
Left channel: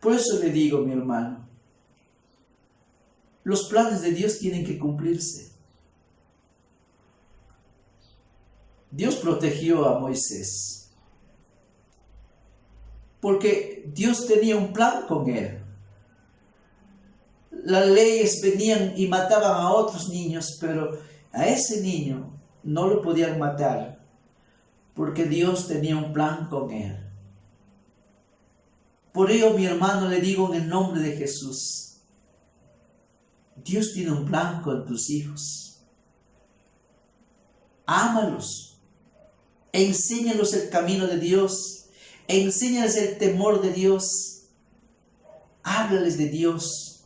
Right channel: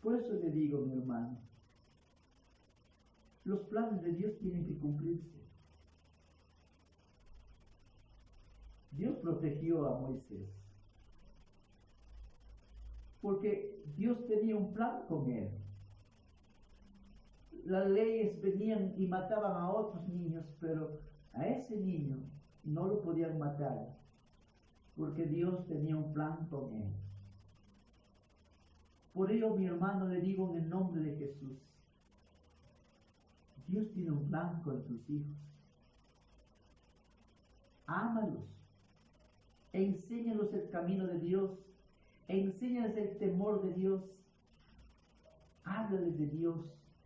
Por eso le digo, mi hermano, los planes de Dios tienen que cumplirse. Dios protegió a Moisés porque Dios tenía un plan con él. Las leyes venían y mataban a otros niños, pero a ese niño no lo podían matar porque Dios tenía un plan con él. Por ello, mi hermano, le digo en el nombre de Jesús, Dios tiene un plan con tus hijos. Ámalos. Enséñalos el camino de Dios. Enséñales el temor de Dios. Háblales de Dios.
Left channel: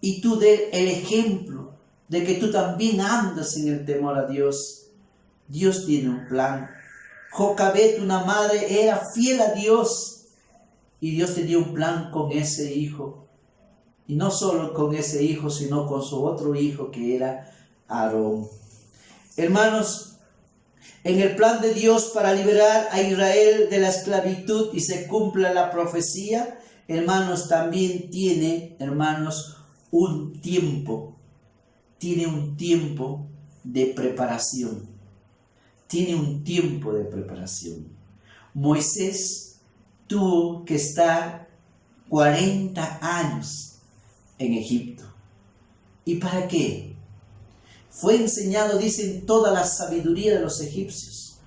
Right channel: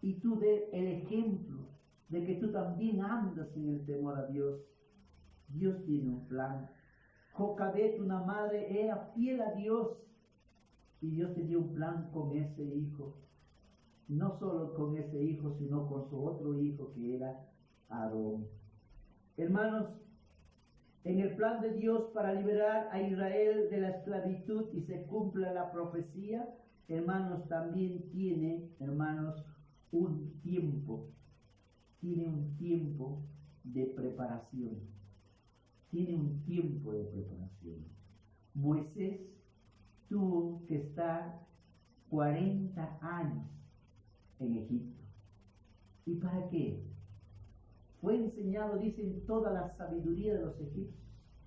Y tú dé el ejemplo de que tú también andas en el temor a Dios. Dios tiene un plan. Jocabed, una madre, era fiel a Dios. Y Dios tenía un plan con ese hijo. Y no solo con ese hijo, sino con su otro hijo que era Aarón. Hermanos, en el plan de Dios para liberar a Israel de la esclavitud y se cumpla la profecía, hermanos, también tiene, hermanos, un tiempo. Tiene un tiempo de preparación. Tiene un tiempo de preparación. Moisés tuvo que estar 40 años en Egipto. ¿Y para qué? Fue enseñado, dicen, toda la sabiduría de los egipcios.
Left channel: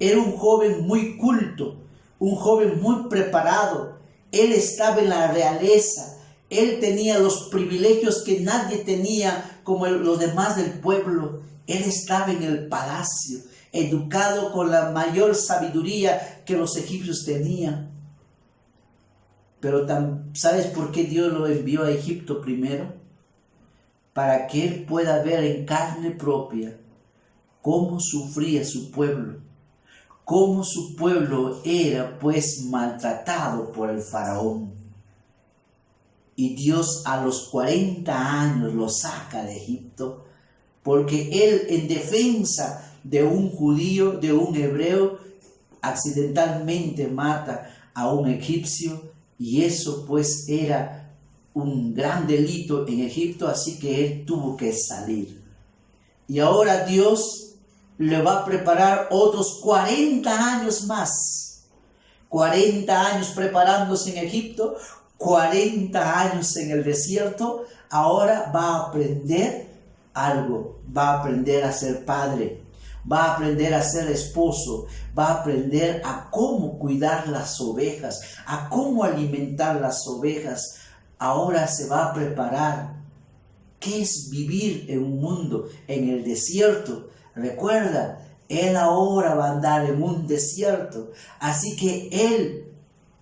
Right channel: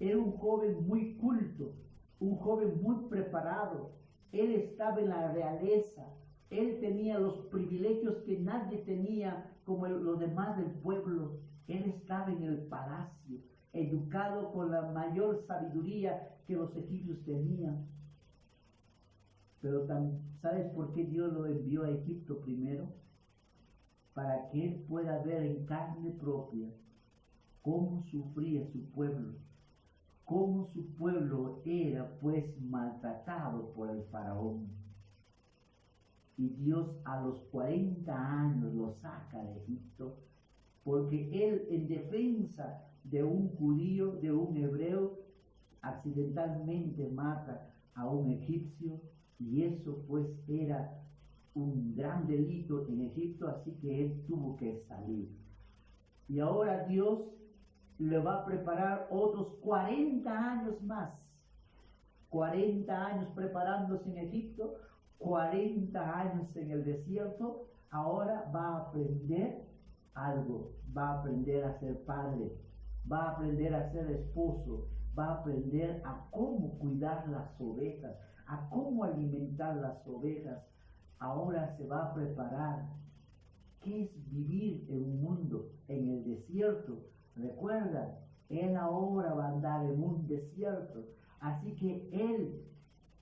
Era un joven muy culto, un joven muy preparado. Él estaba en la realeza. Él tenía los privilegios que nadie tenía como los demás del pueblo. Él estaba en el palacio, educado con la mayor sabiduría que los egipcios tenían. Pero ¿sabes por qué Dios lo envió a Egipto primero? Para que él pueda ver en carne propia cómo sufría su pueblo, cómo su pueblo era pues maltratado por el faraón. Y Dios a los 40 años lo saca de Egipto, porque él, en defensa de un judío, de un hebreo, accidentalmente mata a un egipcio, y eso pues era un gran delito en Egipto, así que él tuvo que salir. Y ahora Dios le va a preparar otros 40 años más. 40 años preparándose en Egipto, 40 años en el desierto. Ahora va a aprender algo, va a aprender a ser padre, va a aprender a ser esposo, va a aprender a cómo cuidar las ovejas, a cómo alimentar las ovejas. Ahora se va a preparar. ¿Qué es vivir en un mundo en el desierto? Recuerda Él ahora va a andar en un desierto. Así que Él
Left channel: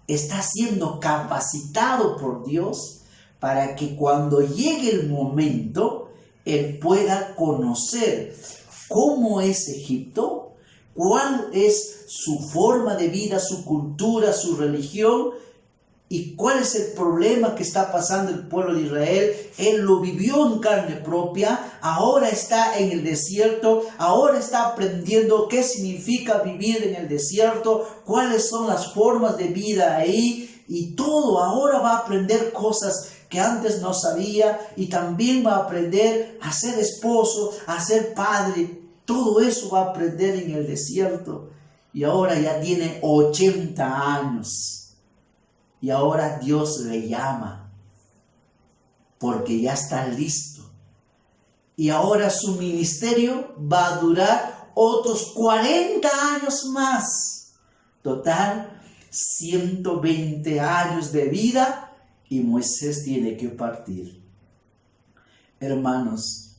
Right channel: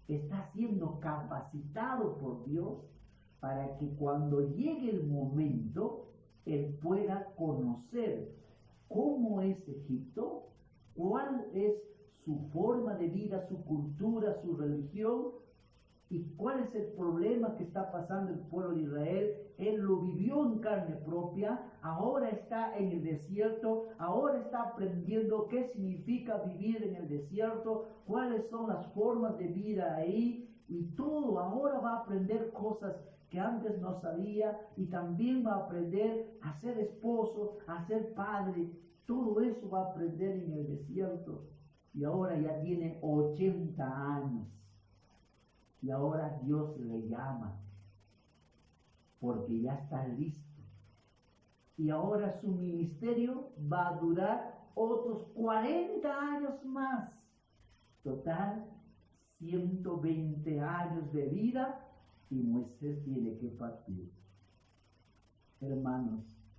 está siendo capacitado por Dios para que cuando llegue el momento, Él pueda conocer cómo es Egipto, cuál es su forma de vida, su cultura, su religión, y cuál es el problema que está pasando el pueblo de Israel. Él lo vivió en carne propia, ahora está en el desierto, ahora está aprendiendo qué significa vivir en el desierto, cuáles son las formas de vida ahí, y todo. Ahora va a aprender cosas que antes no sabía, y también va a aprender a ser esposo, a ser padre. Todo eso va a aprender en el desierto. Y ahora ya tiene 80 años. Y ahora Dios le llama, porque ya está listo. Y ahora su ministerio va a durar otros 40 años más. Total, 120 años de vida, y Moisés tiene que partir. Hermanos,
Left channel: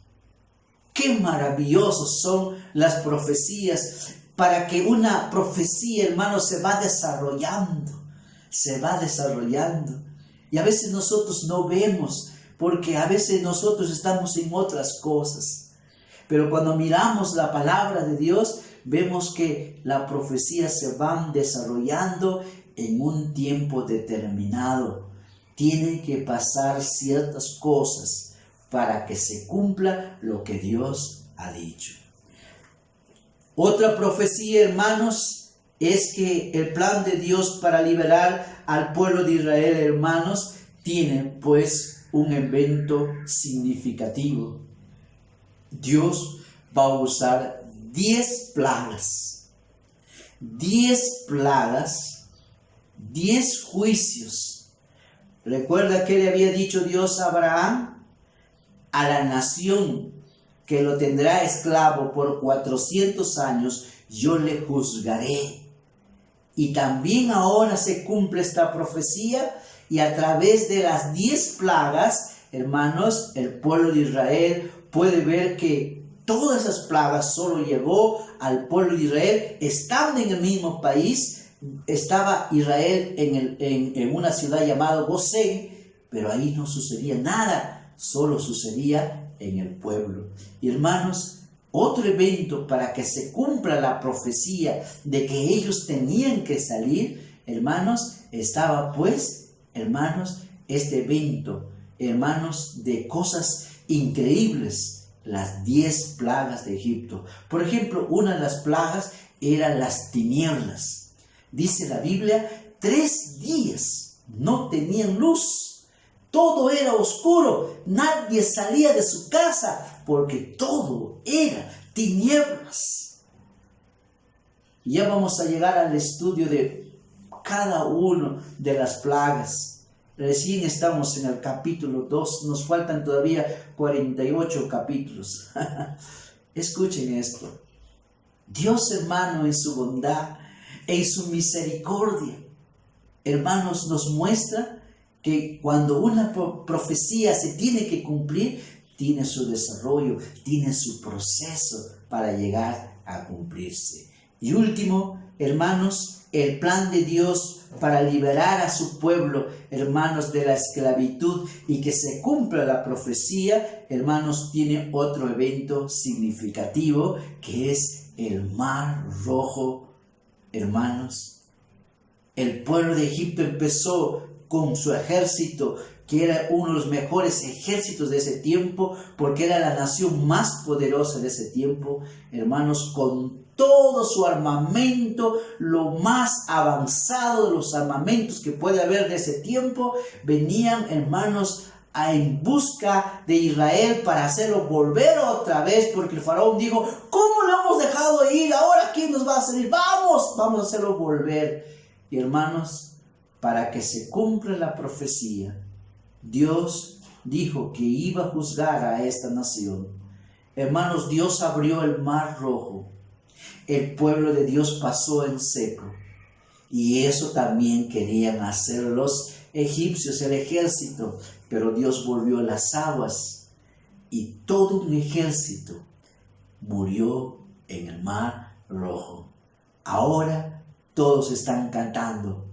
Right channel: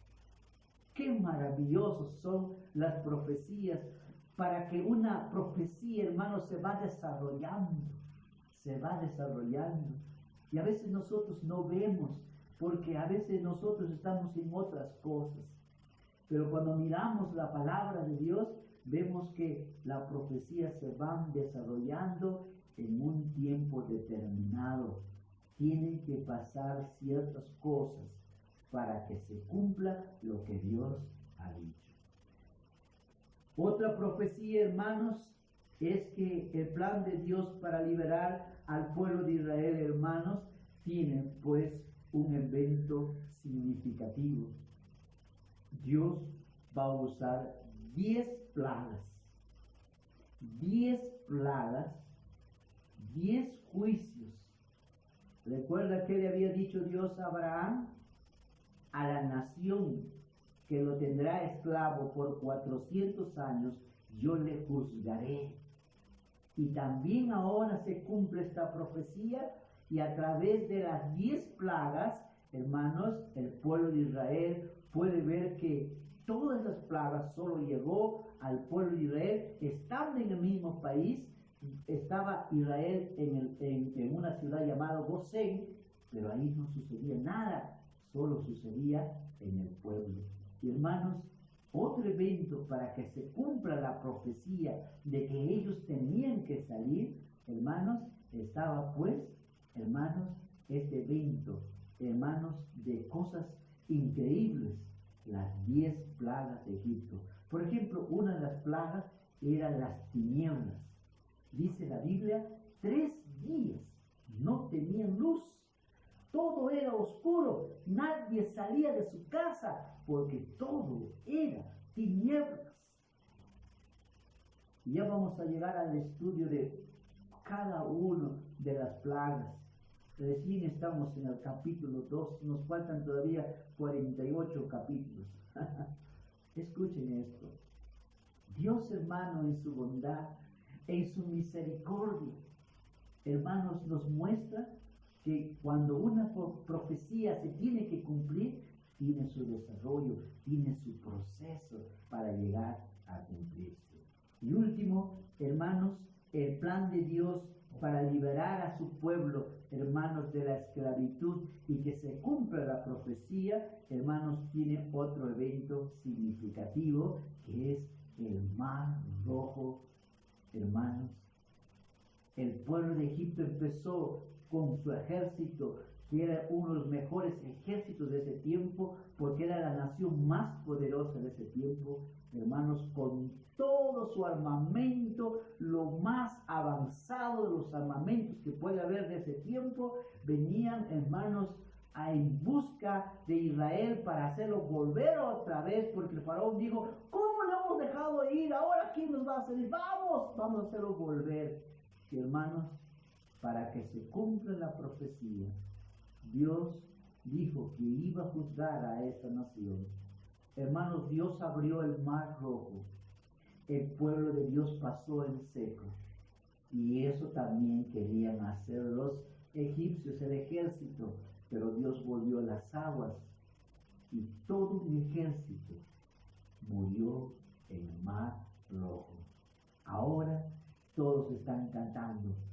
qué maravillosos son las profecías. Para que una profecía, hermanos, se va desarrollando. Y a veces nosotros no vemos, porque a veces nosotros estamos en otras cosas. Pero cuando miramos la palabra de Dios, vemos que la profecía se van desarrollando en un tiempo determinado. Tienen que pasar ciertas cosas para que se cumpla lo que Dios ha dicho. Otra profecía, hermanos, es que el plan de Dios para liberar al pueblo de Israel, hermanos, tiene pues un evento significativo. Dios va a usar 10 plagas, 10 juicios. ¿Recuerda que le había dicho Dios a Abraham? A la nación que lo tendrá esclavo por 400 años, yo le juzgaré. Y también ahora se cumple esta profecía, y a través de las 10 plagas, hermanos, el pueblo de Israel puede ver que todas esas plagas solo llegó al pueblo de Israel estando en el mismo país. Estaba Israel en una ciudad llamada Gosén, pero ahí no sucedía nada, solo sucedía en el pueblo. Y hermanos, otro evento para que se cumpla la profecía de que ellos tenían que salir, hermanos, estaba pues, hermanos, este evento, hermanos, de cosas increíbles, las 10 plagas de Egipto. Por ejemplo, una de las plagas eran las tinieblas. Dice la Biblia, 3 días no tenían luz. Todo era oscuro, nadie salía de su casa porque todo era tinieblas. Ya vamos a llegar al estudio de cada una de las plagas. Recién estamos en el capítulo 2, nos faltan todavía 48 capítulos. Escuchen esto. Dios, hermano, en su bondad, en su misericordia, hermanos, nos muestra que cuando una profecía se tiene que cumplir, tiene su desarrollo, tiene su proceso para llegar a cumplirse. Y último, hermanos, el plan de Dios para liberar a su pueblo, hermanos, de la esclavitud y que se cumpla la profecía, hermanos, tiene otro evento significativo que es el Mar Rojo. Hermanos, el pueblo de Egipto empezó con su ejército, que era uno de los mejores ejércitos de ese tiempo, porque era la nación más poderosa de ese tiempo, hermanos, con todo su armamento, lo más avanzado de los armamentos que puede haber de ese tiempo, venían, hermanos, en busca de Israel para hacerlo volver otra vez, porque el faraón dijo, ¿cómo lo hemos dejado ir? Ahora ¿quién nos va a salir? Vamos a hacerlo volver. Y hermanos, para que se cumpla la profecía, Dios dijo que iba a juzgar a esta nación. Hermanos, Dios abrió el Mar Rojo. El pueblo de Dios pasó en seco. Y eso también querían hacer los egipcios, el ejército. Pero Dios volvió las aguas y todo un ejército murió en el Mar rojo. Ahora todos están cantando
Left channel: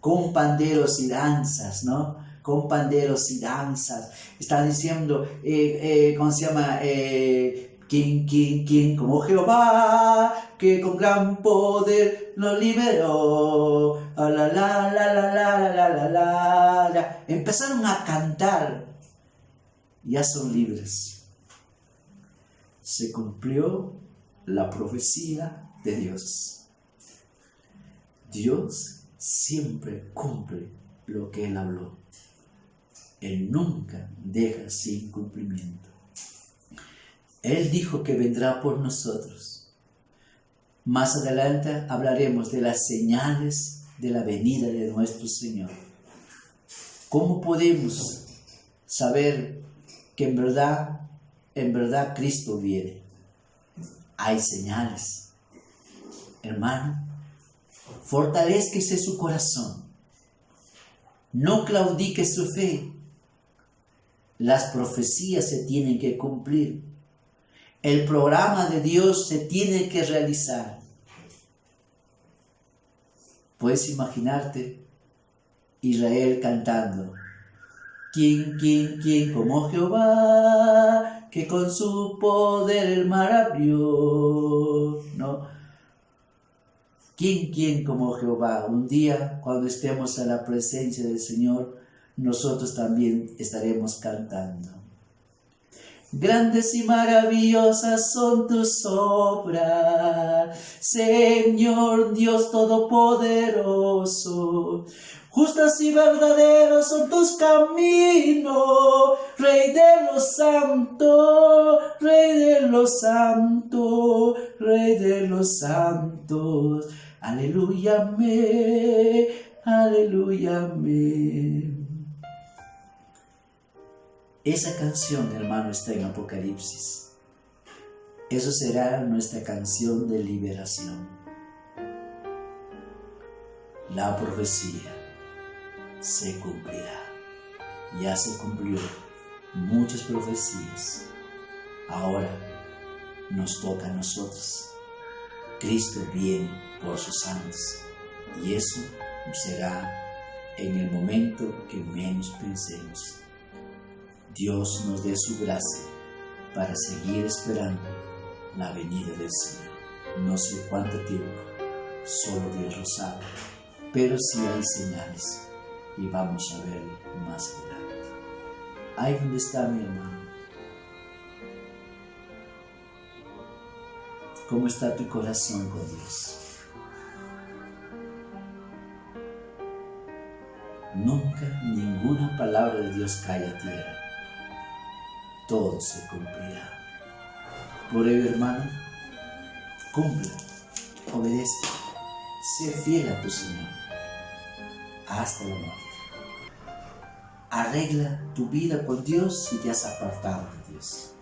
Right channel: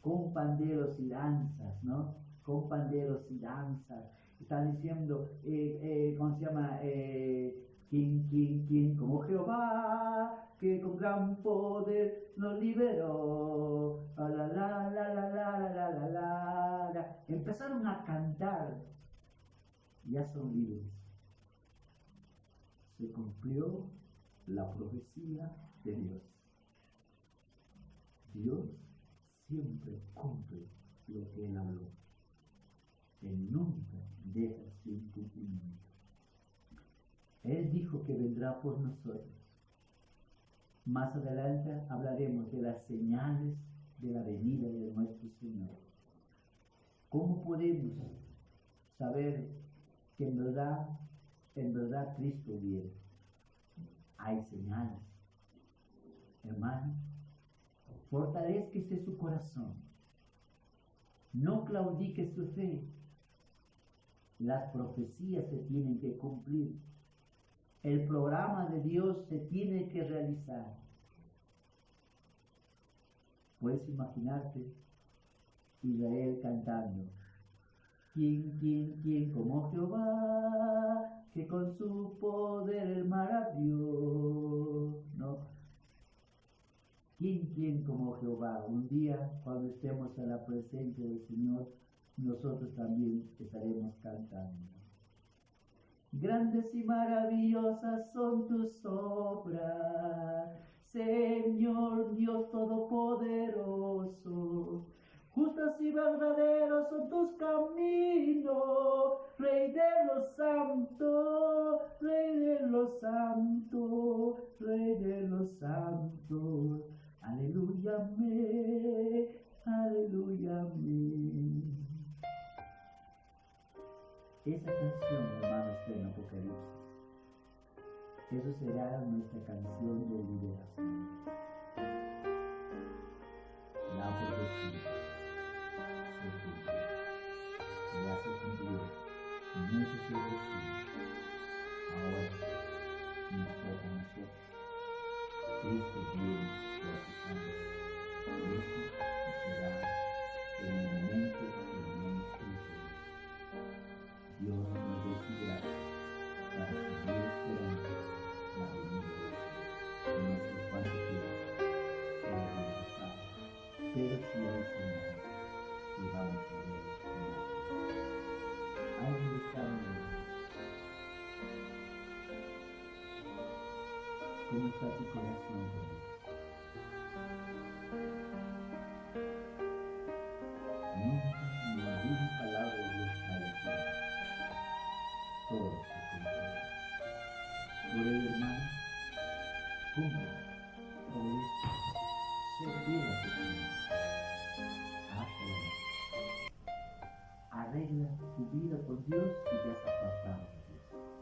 con panderos y danzas, ¿no? Con panderos y danzas. Están diciendo, ¿cómo se llama? ¿Quién como Jehová, que con gran poder nos liberó? La, la, la, la, la, la, la, la, la. Empezaron a cantar. Ya son libres. Se cumplió la profecía de Dios. Dios siempre cumple lo que Él habló. Él nunca deja sin cumplimiento. Él dijo que vendrá por nosotros. Más adelante hablaremos de las señales de la venida de nuestro Señor. ¿Cómo podemos saber que en verdad Cristo viene? Hay señales. Hermano, fortalézquese su corazón. No claudique su fe. Las profecías se tienen que cumplir. El programa de Dios se tiene que realizar. Puedes imaginarte Israel cantando: ¿Quién como Jehová, que con su poder el mar abrió? ¿No? ¿Quién como Jehová? Un día, cuando estemos a la presencia del Señor, nosotros también estaremos cantando. Grandes y maravillosas son tus obras, Señor Dios Todopoderoso. Justas y verdaderos son tus caminos, Rey de los santos, Rey de los santos, Rey de los santos. Aleluya, amén, aleluya, amén. Esa canción, hermano, está en Apocalipsis. Eso será nuestra canción de liberación. La profecía se cumplirá. Ya se cumplió muchas profecías. Ahora nos toca a nosotros. Cristo viene por sus santos. Y eso será en el momento que menos pensemos. Dios nos dé su gracia para seguir esperando la venida del Señor. No sé cuánto tiempo, solo Dios lo sabe, pero sí hay señales y vamos a verlo más adelante. Ahí donde está mi hermano. ¿Cómo está tu corazón con Dios? Nunca ninguna palabra de Dios cae a tierra. Todo se cumplirá. Por ello, hermano, cumple, obedece, sé fiel a tu Señor hasta la muerte. Arregla tu vida con Dios si te has apartado de Dios.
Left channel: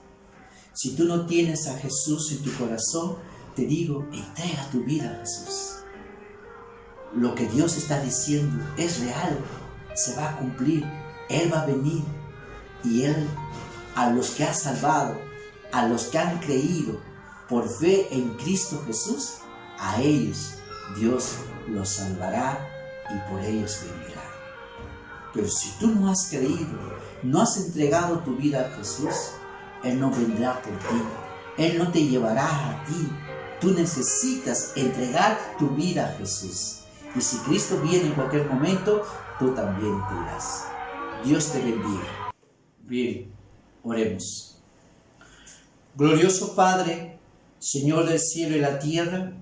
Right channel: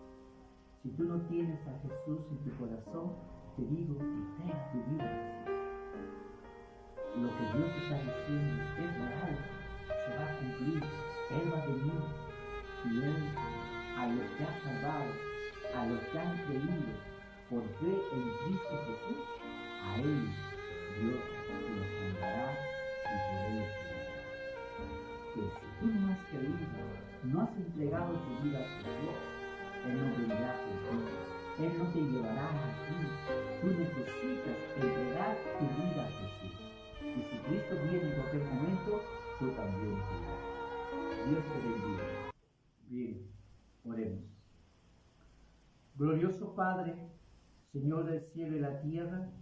Si tú no tienes a Jesús en tu corazón, te digo, entrega tu vida a Jesús. Lo que Dios está diciendo es real, se va a cumplir. Él va a venir y Él, a los que ha salvado, a los que han creído por fe en Cristo Jesús, a ellos Dios los salvará y por ellos vivirá. Pero si tú no has creído, no has entregado tu vida a Jesús, Él no vendrá por ti, Él no te llevará a ti. Tú necesitas entregar tu vida a Jesús. Y si Cristo viene en cualquier momento, tú también te irás. Dios te bendiga. Bien, oremos. Glorioso Padre, Señor del cielo y la tierra,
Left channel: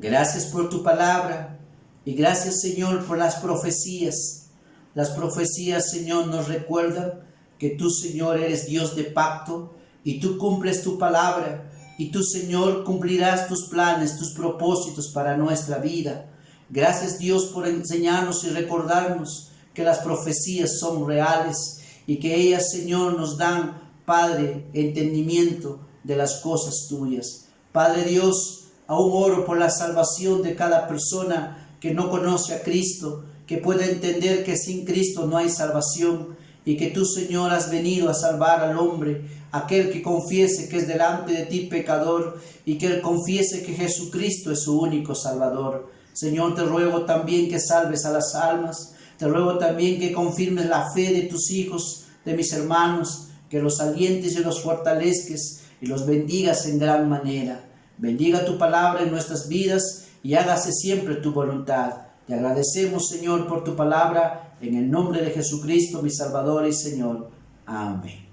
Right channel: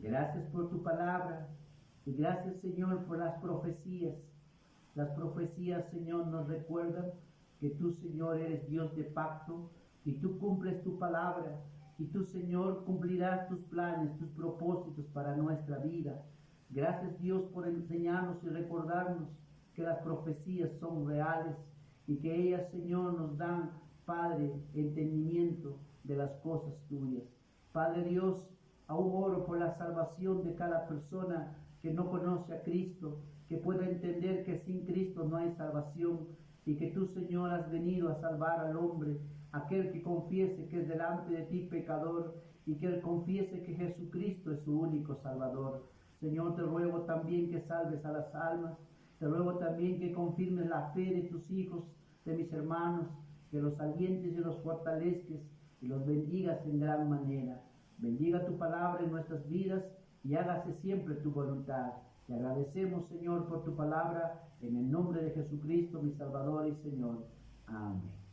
gracias por tu palabra y gracias, Señor, por las profecías. Las profecías, Señor, nos recuerdan que tú, Señor, eres Dios de pacto y tú cumples tu palabra y tú, Señor, cumplirás tus planes, tus propósitos para nuestra vida. Gracias, Dios, por enseñarnos y recordarnos que las profecías son reales y que ellas, Señor, nos dan, Padre, entendimiento de las cosas tuyas. Padre Dios, aún oro por la salvación de cada persona que no conoce a Cristo, que pueda entender que sin Cristo no hay salvación y que tú, Señor, has venido a salvar al hombre, aquel que confiese que es delante de ti pecador y que él confiese que Jesucristo es su único Salvador. Señor, te ruego también que salves a las almas, te ruego también que confirmes la fe de tus hijos, de mis hermanos, que los alientes y los fortalezques y los bendigas en gran manera. Bendiga tu palabra en nuestras vidas y hágase siempre tu voluntad. Te agradecemos, Señor, por tu palabra, en el nombre de Jesucristo, mi Salvador y Señor. Amén.